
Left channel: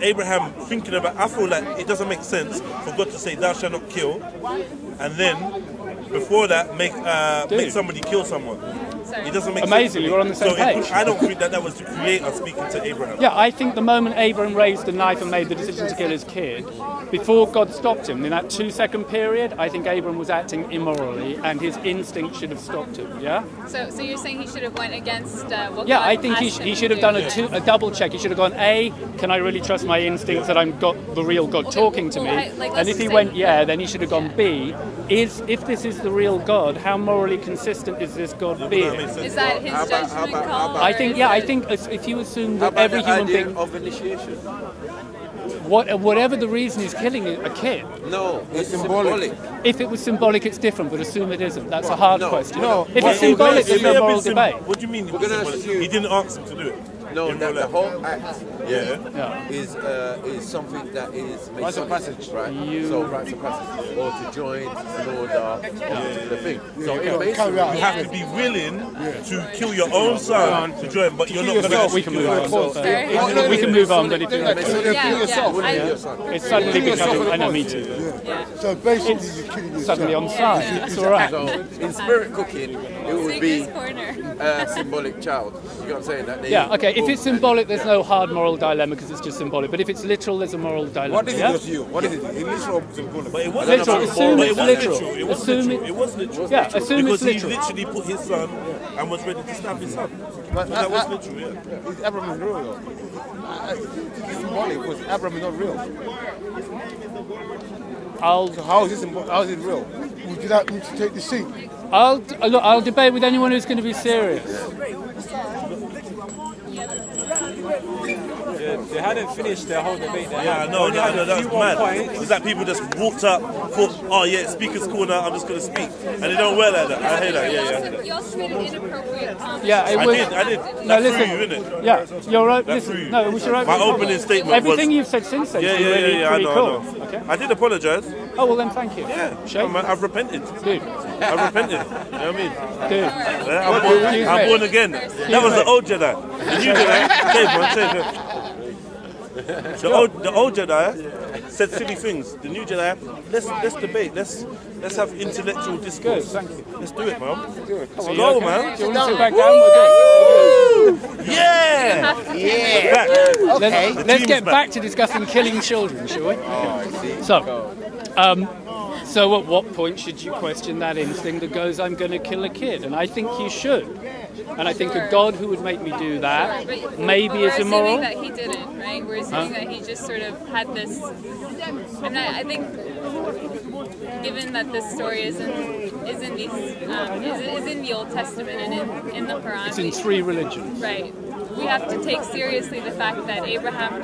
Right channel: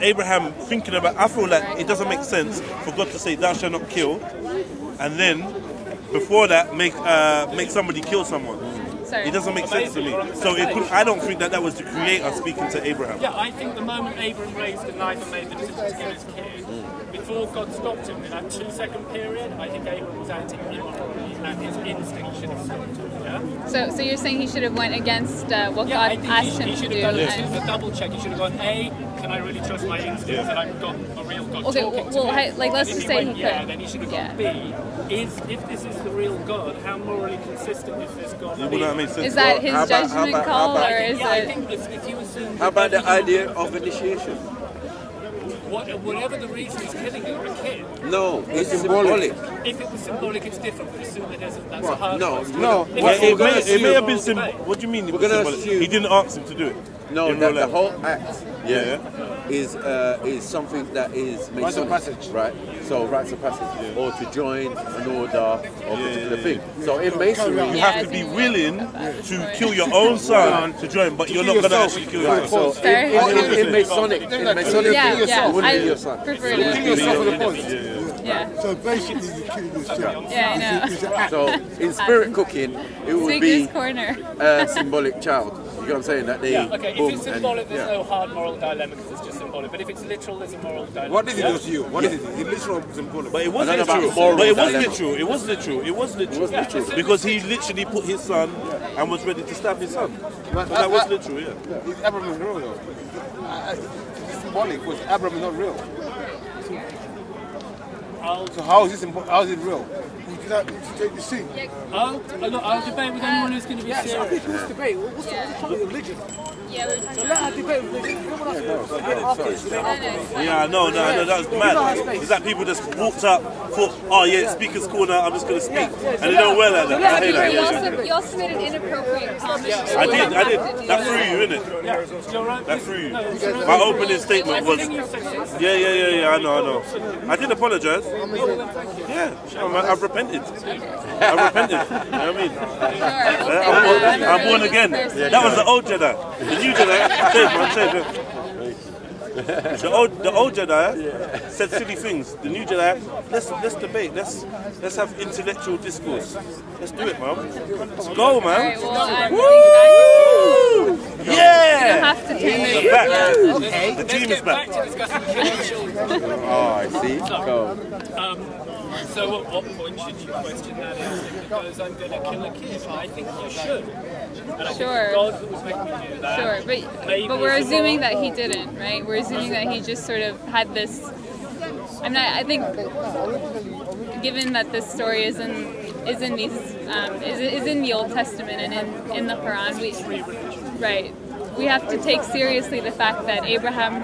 Abraham thinking about, I feel like it doesn't make sense for God to say, "Thou shalt not kill," and then before that make somebody kill someone. It doesn't make sense to me. I don't think that was the Creator speaking to Abraham. Yeah, I think the moment Abraham raised the knife and made the decision to kill his kid, before God stopped him, in that 2-second period, I think Abraham was acting immorally, and his instinct should have stopped him. Yeah. So you're saying he should have went against what God I think asked him he should to have do done a double check. He should have gone, A, can I really trust my instincts that I've got the real God talking to me? And if he went, then he should have gone, B, if this is the real God, how morally consistent is this God being? Is that his judgment call? I think if you assume that every human being of initiation. Whatever the reason he's killing a kid. No, it's symbolic. If it was symbolic, it's different, but assume it isn't. That's a hard question. No, if it's symbolic, it may have been symbolic. What do you mean it was symbolic? He didn't ask him to do it. No, the whole act is something that is rites of passage, right? So rites of passage, or to join an order of a particular thing. So in masonry, you have to be willing to kill your own son to join, but you're not going to actually kill your son. We can move on. Kill yourself for the cause. So basically, you're killing yourself. So in spirit cooking, it would be a symbolic child. You know what I'm saying? That they if it's symbolic, there's no hard moral dilemma because it's just symbolic. But if it's literal, there's a moral dilemma. What did it do to you? What is it? Is it literal or symbolic? But it was literal. It was literal. Because he literally put his son and was ready to stab his son. But that was literal, Is Abraham real though? It's symbolic because Abraham is not real. So how is it real? Would you like me to take the seat? I'll debate with anyone who's going to be serious. What's the debate? What's the topic of religion? Yeah, let her debate religion. Come on, they hadn't finished their whole debate. No, that was mad. It's like people just walked up, thought, speaker's corner, I'm just going to speak. And they don't wear like that. I hate that. You also made an inappropriate comment. I did. That threw you, innit? Yeah, you're right. That threw you. No, it was right. My opening statement was... Everything you've said since then. Yeah, I know. I did apologise. Oh, well then thank you. Yeah, I've repented. Dude. I've repented. You know what I mean? I'm born again. That was the old Jedi. The new Jedi, save. The old Jedi said silly things. The new Jedi, let's debate. Let's have intellectual discourse. Let's do it, man. Let's go, man. Woo! Yeah! Okay. Let's get back to discussing killing children, shall we? Oh, I see. So at what point should you question that instinct that goes, I'm going to kill a kid? And I think you should. And I think a God who would make me do that maybe but we're is assuming immoral. that he didn't, right? We're assuming that he just sort of had this... I mean, I think given that this story isn't is in these is in the Old Testament and in the Quran. It's in 3 religions. Right. We have to take seriously the fact that Abraham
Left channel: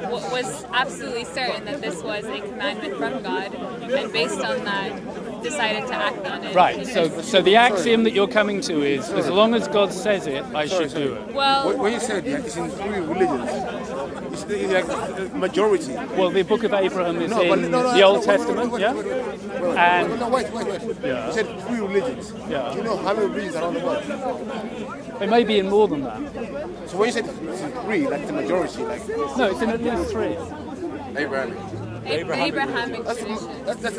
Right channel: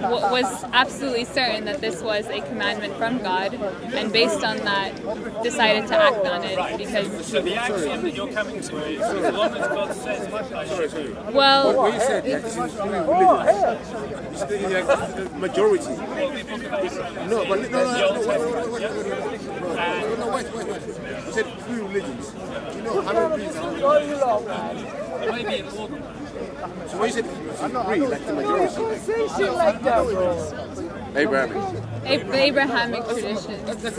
was absolutely certain that this was a commandment from God, and based on that, decided to act on it. Right. So the axiom that you're coming to is, as long as God says it, I should do it. Well, what you said, it's in 3 religions. It's like the majority. Well, the Book of Abraham is in the Old Testament. Wait. Yeah. You said 3 religions. Yeah. Do you know how many religions are on the world? It may be in more than that. So when you said it's in 3, like the majority, like no, it's in 3. Abrahamic. The Abrahamic tradition. That's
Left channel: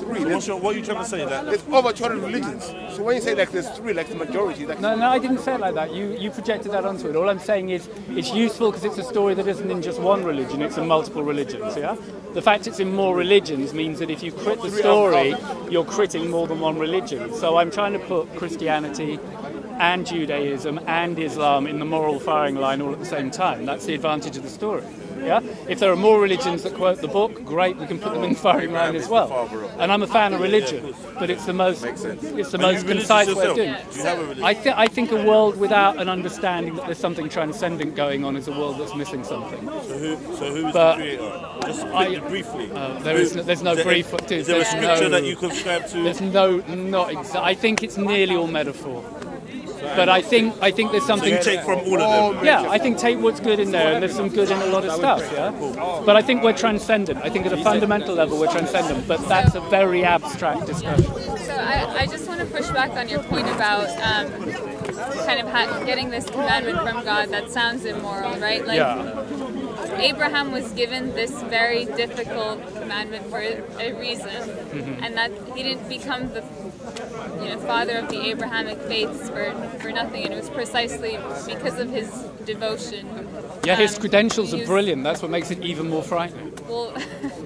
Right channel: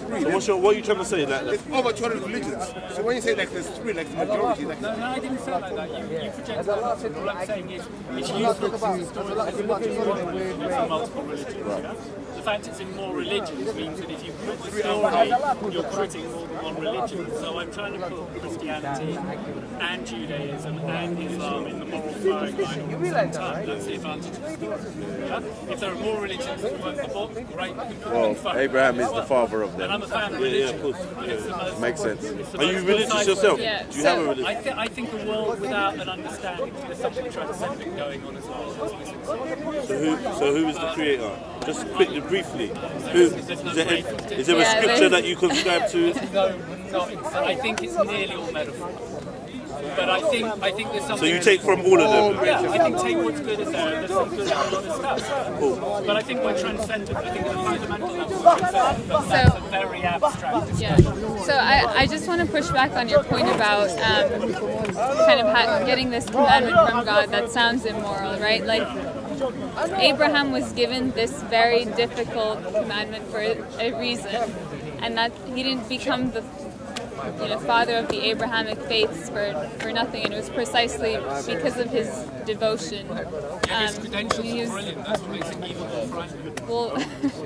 3. So what are you trying to say? That there's over 200 religions. So when you say like there's 3, like the majority, like no, I didn't say it like that. You projected that onto it. All I'm saying is it's useful because it's a story that isn't in just one religion; it's in multiple religions. Yeah. The fact it's in more religions means that if you crit the story, you're critting more than one religion. So I'm trying to put Christianity and Judaism and Islam in the moral firing line all at the same time. That's the advantage of the story. Yeah? If there are more religions that quote the book, great, we can put them in the firing line as well. Abraham is the father of them. And I'm a fan of religion, but it's the most... Makes sense. It's the Are most you religious concise yourself? way Do you have a religion? I think a world without an understanding that there's something transcendent going on is a world that's missing something. So who is the creator? Just quickly, briefly. There's no brief. Is there a scripture that you subscribe to? There's not exactly. I think it's nearly all metaphor. But I think there's something. So you take from all of them? Yeah, I think take what's good in there, and there's some good in a lot of stuff. Yeah. Cool. But I think we're transcendent. I think at a fundamental level we're transcendent. But that's a very abstract discussion. Yeah. So I just want to push back on your point about kind of getting this commandment from God that sounds immoral, right? Like. Yeah. Abraham was given this very difficult commandment for a reason, and that he didn't become the father of the Abrahamic faiths for nothing, and it was precisely because of his devotion. Yeah, his credentials are brilliant. That's what makes it even more frightening. Well,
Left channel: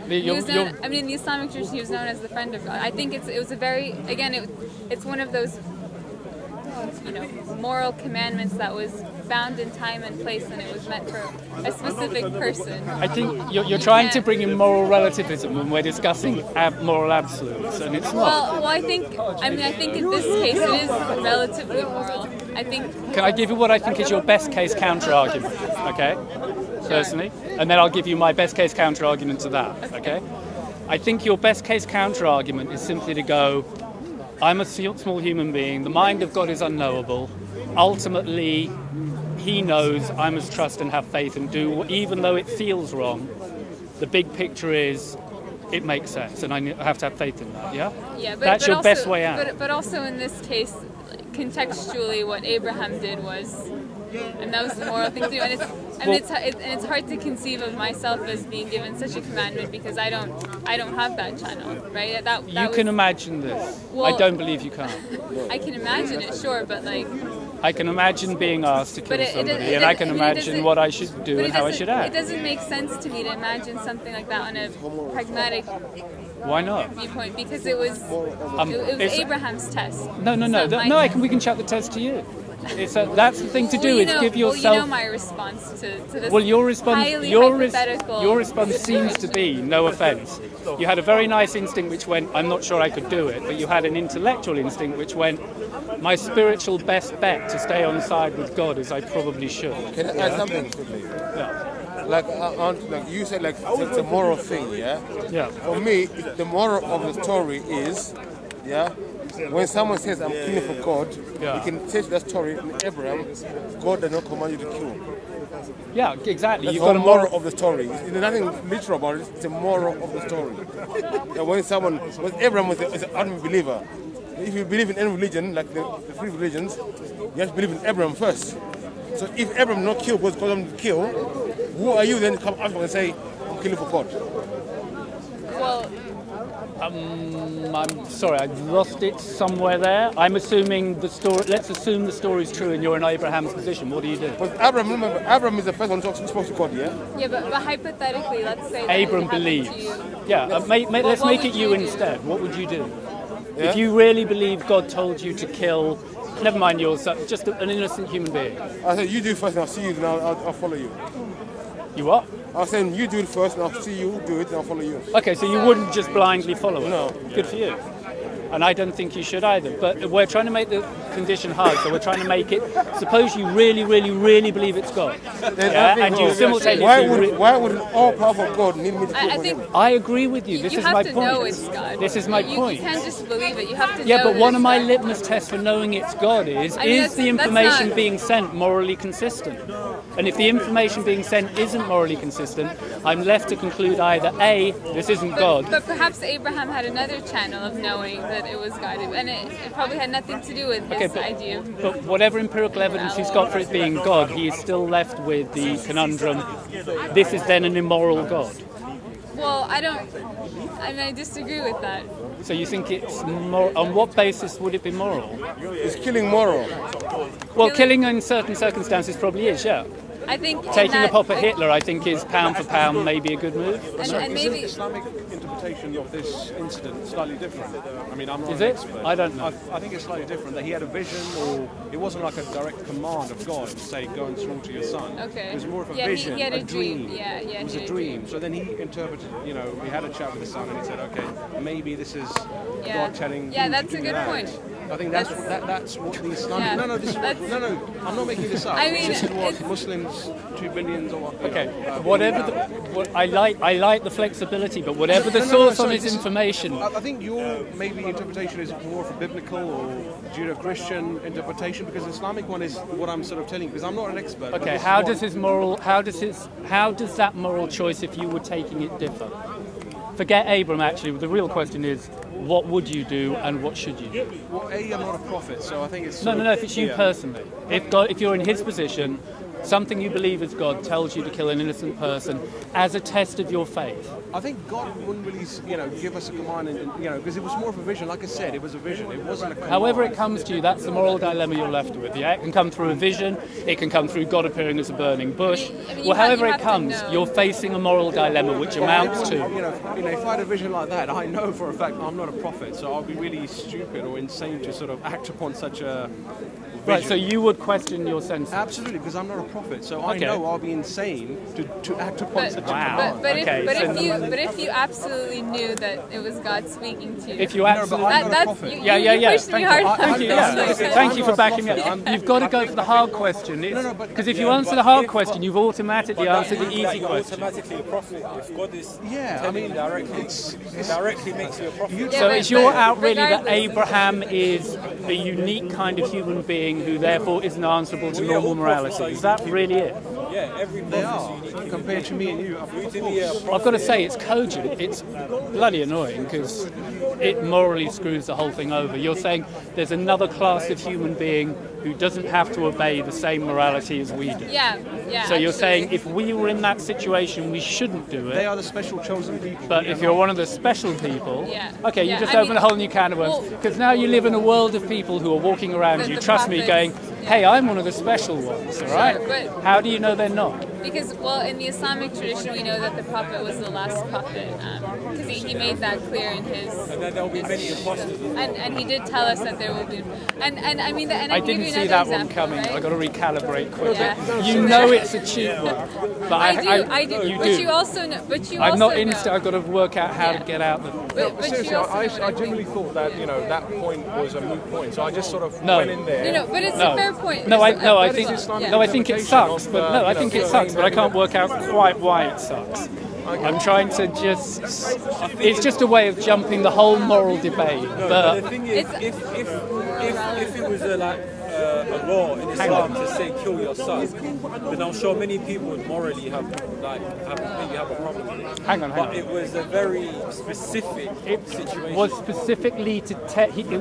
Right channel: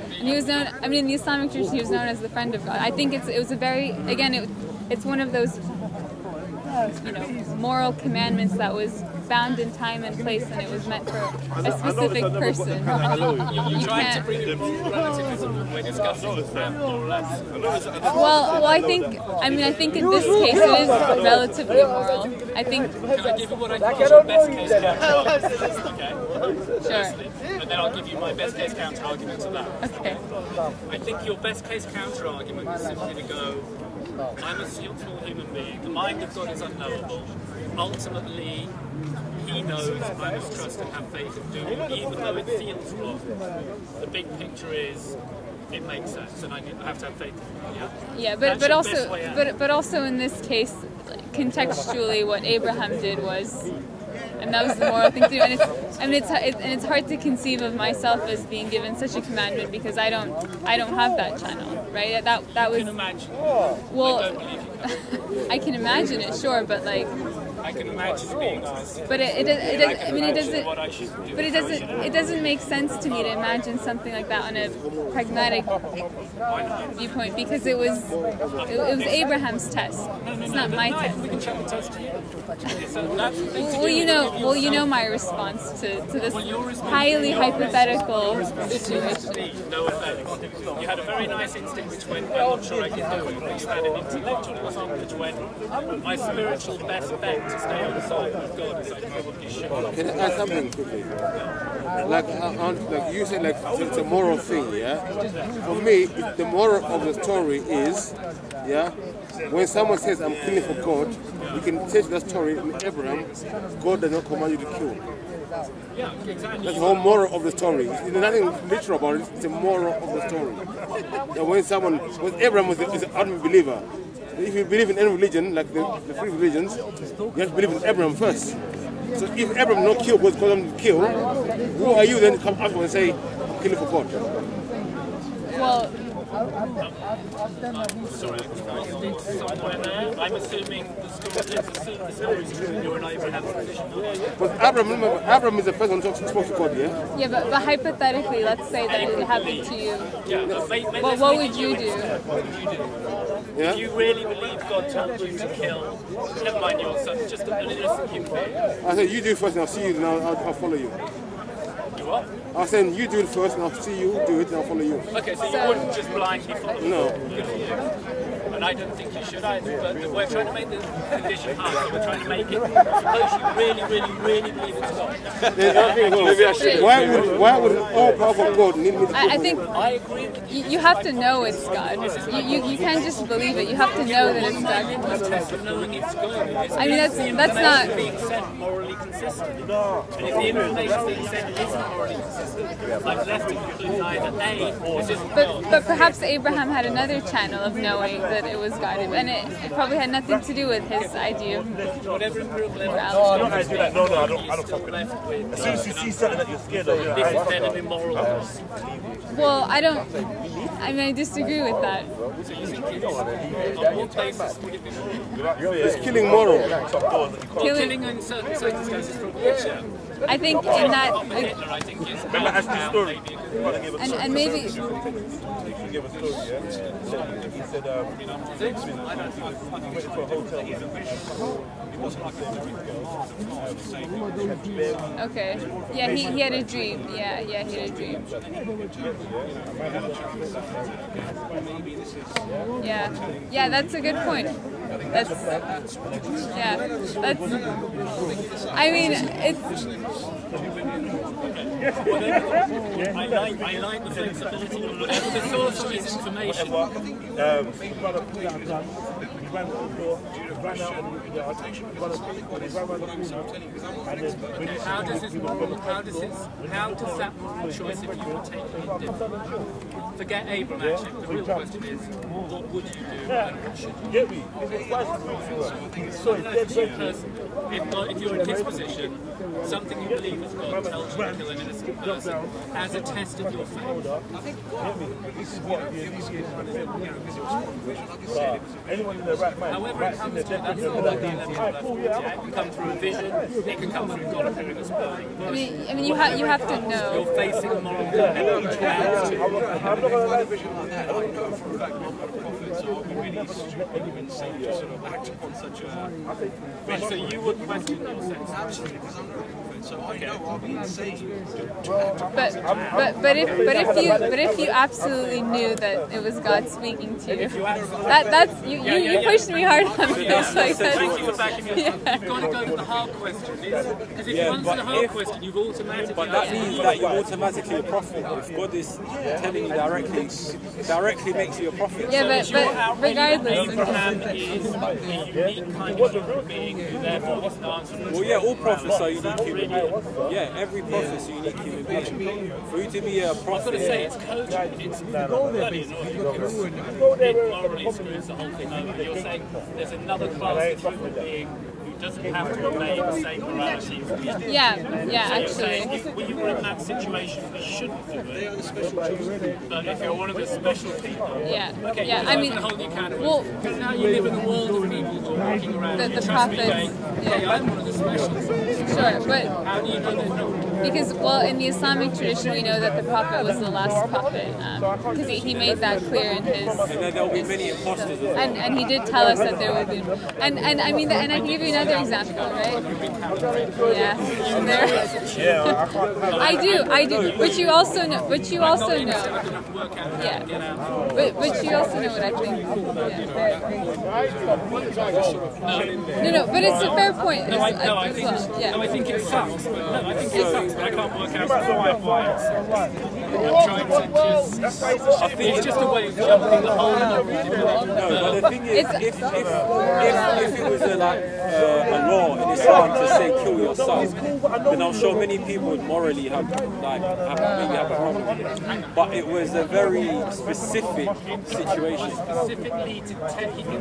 he was known. I mean, in the Islamic tradition, he was known as the friend of God. I think it was a very, again, it's one of those moral commandments that was found in time and place, and it was meant for a specific person. I think you're trying to bring in moral relativism when we're discussing moral absolutes, and it's well, I think in this case it is relatively moral. I think. Can I give you what I think is your best case counter argument? Okay. Sure. Personally, and then I'll give you my best case counter argument to that. Okay. I think your best case counter argument is simply to go, I'm a small human being, the mind of God is unknowable, ultimately he knows I must trust and have faith and do, even though it feels wrong. The big picture is, it makes sense, and I have to have faith in that, yeah? Yeah, that's your best way out. But also in this case, contextually, what Abraham did was, and that was the moral thing to do, and it's hard to conceive of myself as being given such a commandment because I don't have that channel, right? That you can imagine this. Well, I don't believe you can. I can imagine it, sure, but like. I can imagine being asked to kill somebody, and I can imagine what I should do and how I should act. It doesn't make sense to me to imagine something like that on a pragmatic viewpoint, because it was Abraham's test. No, we can chuck the test to you. That's the thing to do. Give yourself... Well, you know my response to this highly hypothetical. Your response seems to be, no offence, you had a very nice instinct which went, I'm not sure I could do it, but you had an intellectual instinct which went, my spiritual best bet to stay on side with God is I probably should. Can I add something quickly? Yeah. Like you said, like it's a moral thing, yeah? For me, the moral of the story is, when someone says I'm killing for God, you can take that story in Abraham, God does not command you to kill. Yeah, exactly. That's the whole moral of the story. There's nothing literal about it, it's a moral of the story. When Abraham was an unbeliever, if you believe in any religion, like the 3 religions, you have to believe in Abraham first. So if Abraham not killed because God to kill, who are you then to come after and say, I'm killing for God? Well, I'm sorry, I lost it somewhere there. I'm assuming the story. Let's assume the story is true and you're in Abraham's position. What do you do? But Abraham is the first one who spoke to God, yeah? Yeah, but hypothetically, let's say that it happened to you. Yeah, let's make it you instead. What would you do? Yeah? If you really believe God told you to kill, never mind yourself, just an innocent human being. I said, you do first and I'll see you and I'll follow you. You what? I was saying you do it first, and I'll see you do it, and I'll follow you. Okay, so you wouldn't just blindly follow it? No. Good for you. And I don't think you should either. But we're trying to make the condition hard, so we're trying to make it. Suppose you really, really, really believe it's God. Why would an all-powerful God need me to I think I agree with you. You have to know it's God. This is my point. You can't just believe it. You have to know Yeah, but that one of my God. litmus tests for knowing it's God is the information not... being sent morally consistent? And if the information being sent isn't morally consistent, I'm left to conclude either A, this isn't God. But perhaps Abraham had another channel of knowing that it was God, and it probably had nothing to do with his idea of... But whatever empirical evidence he's got for his being God, he is still left with the conundrum, this is then an immoral God. Well, I disagree with that. So you think it's moral? On what basis would it be moral? Is killing moral? Well, killing in certain circumstances probably is, yeah. I think taking in that, the pop at Hitler, I think, is pound for pound maybe a good move. And maybe interpretation of this incident slightly different. I mean, I'm not. Is it? I don't know. I think it's slightly different. That he had a vision, or it wasn't like a direct command of God to say, "Go and slaughter your son." Okay. It was more of a Yeah, vision he had a dream. Yeah, he had a dream. So then he interpreted. You know, we had a chat with the son, and he said, "Okay, maybe this is God telling." Yeah, that's a good point. I think that's what these. Yeah. No, I'm not making this up. I mean, it's Muslims, 2 billion. Okay. Whatever. I like the flexibility, but whatever the source on his information. I think your maybe interpretation is more of a biblical or Judeo-Christian interpretation, because the Islamic one is what I'm sort of telling you, because I'm not an expert. Okay. How does that moral choice, if you were taking it, differ? Forget Abram. Actually, the real question is, what would you do and what should you do? Well, I'm not a prophet, so I think it's... No, if it's you personally. If you're in his position, something you believe is God tells you to kill an innocent person as a test of your faith. I think God wouldn't really, give us a command, because it was more of a vision. Like I said, it was a vision. However it comes to you, that's the moral dilemma you're left with. Yeah, it can come through a vision. It can come through God appearing as a burning bush. However it comes, you're facing a moral dilemma which amounts to. If I had a vision like that, I know for a fact I'm not a prophet, so I'll be really stupid or insane to sort of act upon such a vision. Right, so you would question your senses. Absolutely, because I'm not a prophet, so I know I'll be insane to act upon such a but if you absolutely knew that it was God speaking to you, if you absolutely you pushed me hard on this. Thank you for backing me up. You've got to go for the hard question, because if you answer the hard question, you've automatically answered the easy question. Automatically a prophet. If God is telling you directly makes you a prophet. So is your outrage that Abraham is a unique kind of human being who therefore isn't answerable to normal morality? Is that really it? Yeah, every prophet is a unique human being. For you to be a prophet, I've got to say, it's cogent. It's bloody annoying because it morally screws the whole thing over. You're saying there's another class of human being who doesn't have to obey the same morality as we do. Yeah. So you're saying if we were in that situation, we shouldn't do it. They are the special chosen people. But if you're one of the special people, okay, you just I open mean, a whole new can of worms. Because now you live in a world of people who are walking around you, trust me, going, hey, I'm one of the special ones, right? But how do you know they're not? Because, in the Islamic tradition, we know that the prophet was the last prophet, because he made that clear in his... And there will be many imposters. And he did tell us that there will be... And I give you another example, right? I've got to recalibrate. Yeah. You know it's a cheat. I do. But you also know... I'm not instant, I've got to work out how to get out of it. But you also know what I think. That point was so I just sort of... No, but it's a fair point. I think it sucks, but I can't work out quite why it sucks. I'm trying to it's just a way of jumping the whole moral debate. But the thing is, if it was a law in Islam to say kill your son, then I'm sure many people would morally have a problem with it. But it was a very specific situation. It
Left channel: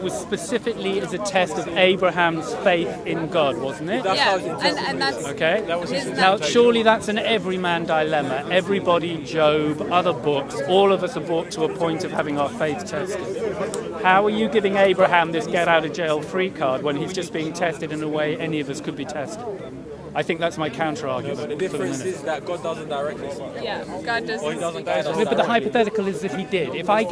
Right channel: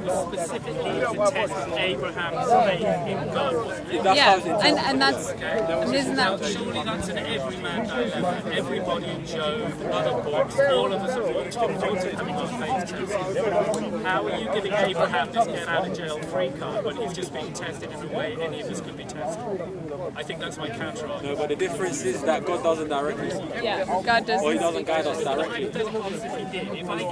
was specifically as a test of Abraham's faith in God, wasn't it? And that's okay. Now, surely that's an everyman dilemma. Everybody, Job, other books, all of us are brought to a point of having our faith tested. How are you giving Abraham this get-out-of-jail-free card when he's just being tested in a way any of us could be tested? I think that's my counter-argument. No, but the difference is that God doesn't directly. God doesn't. Or He doesn't guide us. No, but the hypothetical is if He did. If I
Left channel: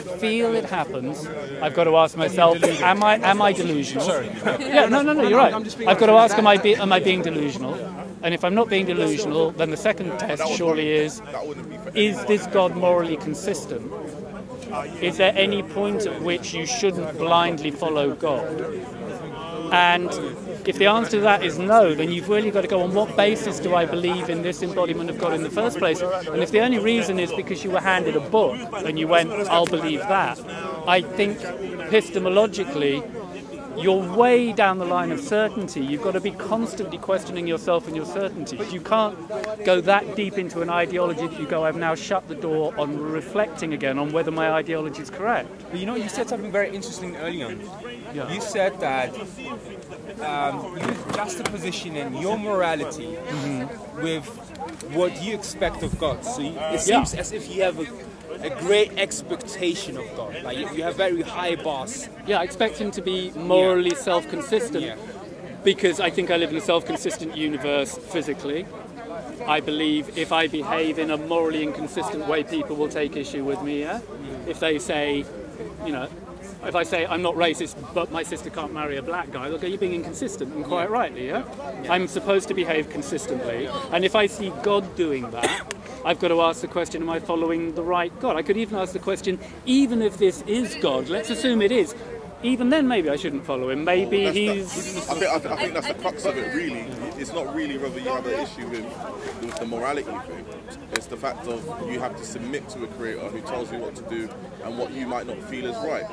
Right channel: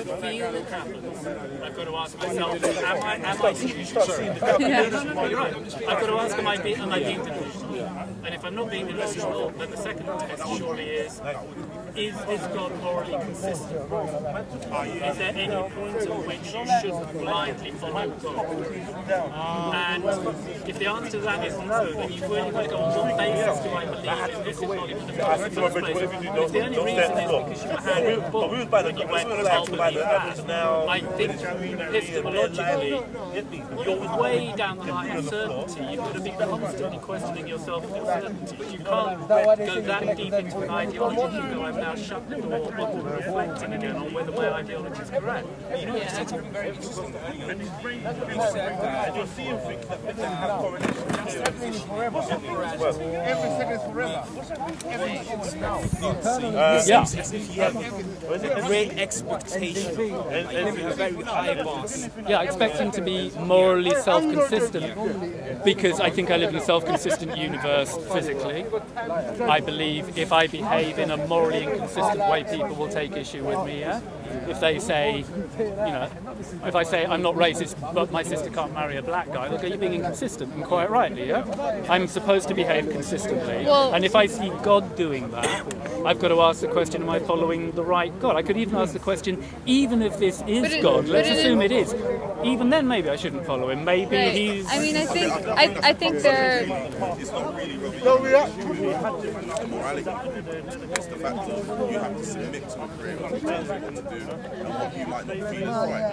feel it happens, I've got to ask myself, am I delusional? No. you're right. I've got to ask, am I being delusional? And if I'm not being delusional, then the second test surely is this God morally consistent? Is there any point at which you shouldn't blindly follow God? And if the answer to that is no, then you've really got to go, on what basis do I believe in this embodiment of God in the first place? And if the only reason is because you were handed a book and you went, I'll believe that, I think epistemologically, you're way down the line of certainty. You've got to be constantly questioning yourself and your certainties. You can't go that deep into an ideology that you go, I've now shut the door on reflecting again on whether my ideology is correct. But you know, you said something very interesting earlier. You said that juxtapositioning your morality with what you expect of God. So it seems as if you have a great expectation of God. Like you have very high bars. Yeah, I expect him to be morally self-consistent because I think I live in a self-consistent universe physically. I believe if I behave in a morally inconsistent way, people will take issue with me, yeah? If they say, you know, if I say I'm not racist, but my sister can't marry a black guy, they'll go, you're being inconsistent, and quite rightly, yeah? I'm supposed to behave consistently, and if I see God doing that, I've got to ask the question, am I following the right God? I could even ask the question, even if this is God, let's assume it is, even then maybe I shouldn't follow him. Maybe he's... I think it's not really whether you have an issue with the morality thing. It's the fact of you have to submit to a creator who tells you what to do and what you might not feel is right.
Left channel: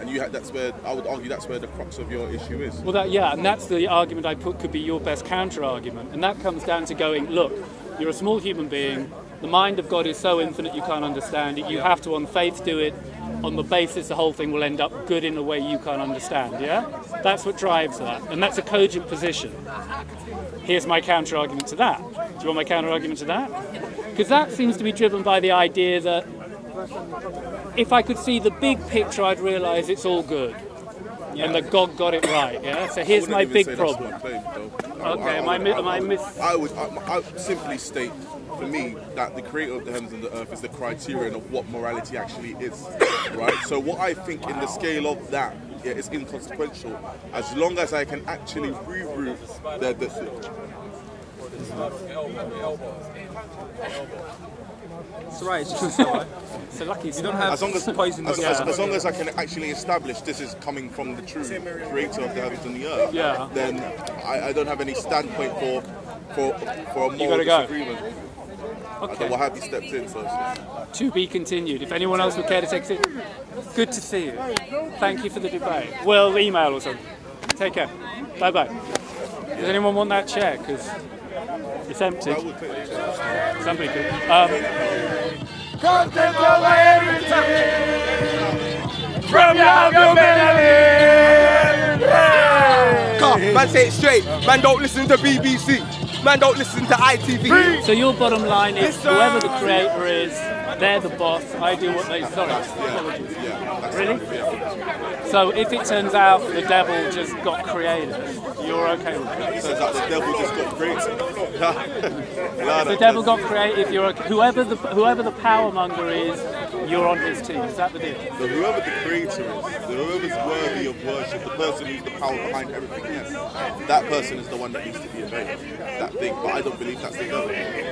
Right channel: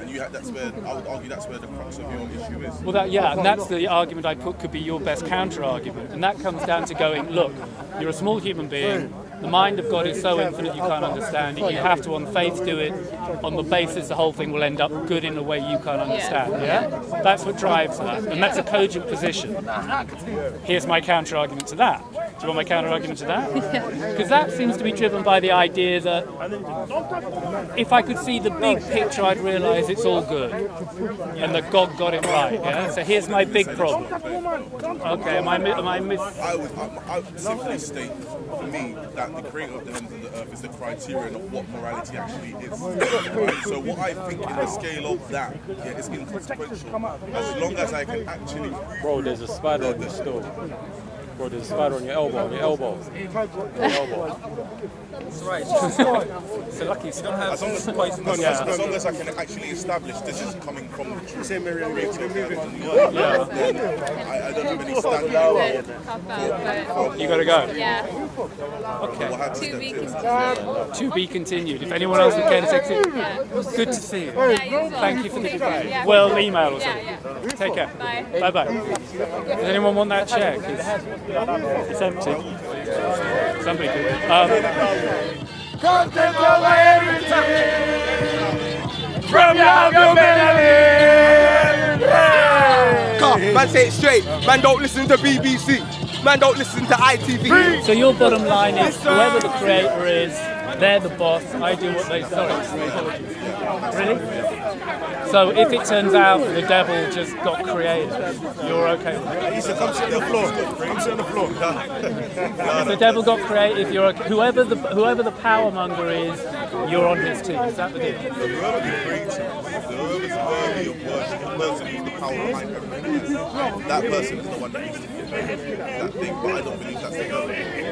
And that's where, I would argue, that's where the crux of your issue is. Well, and that's the argument I put could be your best counter-argument. And that comes down to going, look, you're a small human being, the mind of God is so infinite you can't understand it. You have to, on faith, do it on the basis the whole thing will end up good in a way you can't understand, yeah? That's what drives that, and that's a cogent position. Here's my counter-argument to that. Do you want my counter-argument to that? Because that seems to be driven by the idea that if I could see the big picture, I'd realise it's all good, and that God got it right, yeah? So here's my big problem. Okay, I would simply state, for me, that the creator of the heavens and the earth is the criterion of what morality actually is, right? So what I think in the scale of that, is inconsequential, as long as I can actually Bro, there's a spider on your store. Bro, there's a spider on your elbow. That's right. It's a lucky you don't have poison. As long as I can actually establish this is coming from the true creator of the heavens and the earth, then I don't have any standpoint for you gotta go. Okay. Well, have you stepped in? To be continued. If anyone else would care to take it, good to see you. Thank you for the debate. Well, email or something. Take care. Bye bye. Does anyone want that chair? Because it's empty. Somebody could. Content over everything from your humanity. Man, say it straight. Man, don't listen to BBC. Man, don't listen to ITV. So your bottom line is whoever the creator is, they're the boss. I do what they. Sorry, apologies. Really? So if it turns out the devil just got created, you're okay with it? If the devil got created, if you're okay, whoever the power monger is, you're on his team. Is that the deal? So whoever the creator is, whoever's worthy of worship, the person who's the power behind everything, that person is the one that needs to be obeyed. That thing, but I don't believe that's the devil.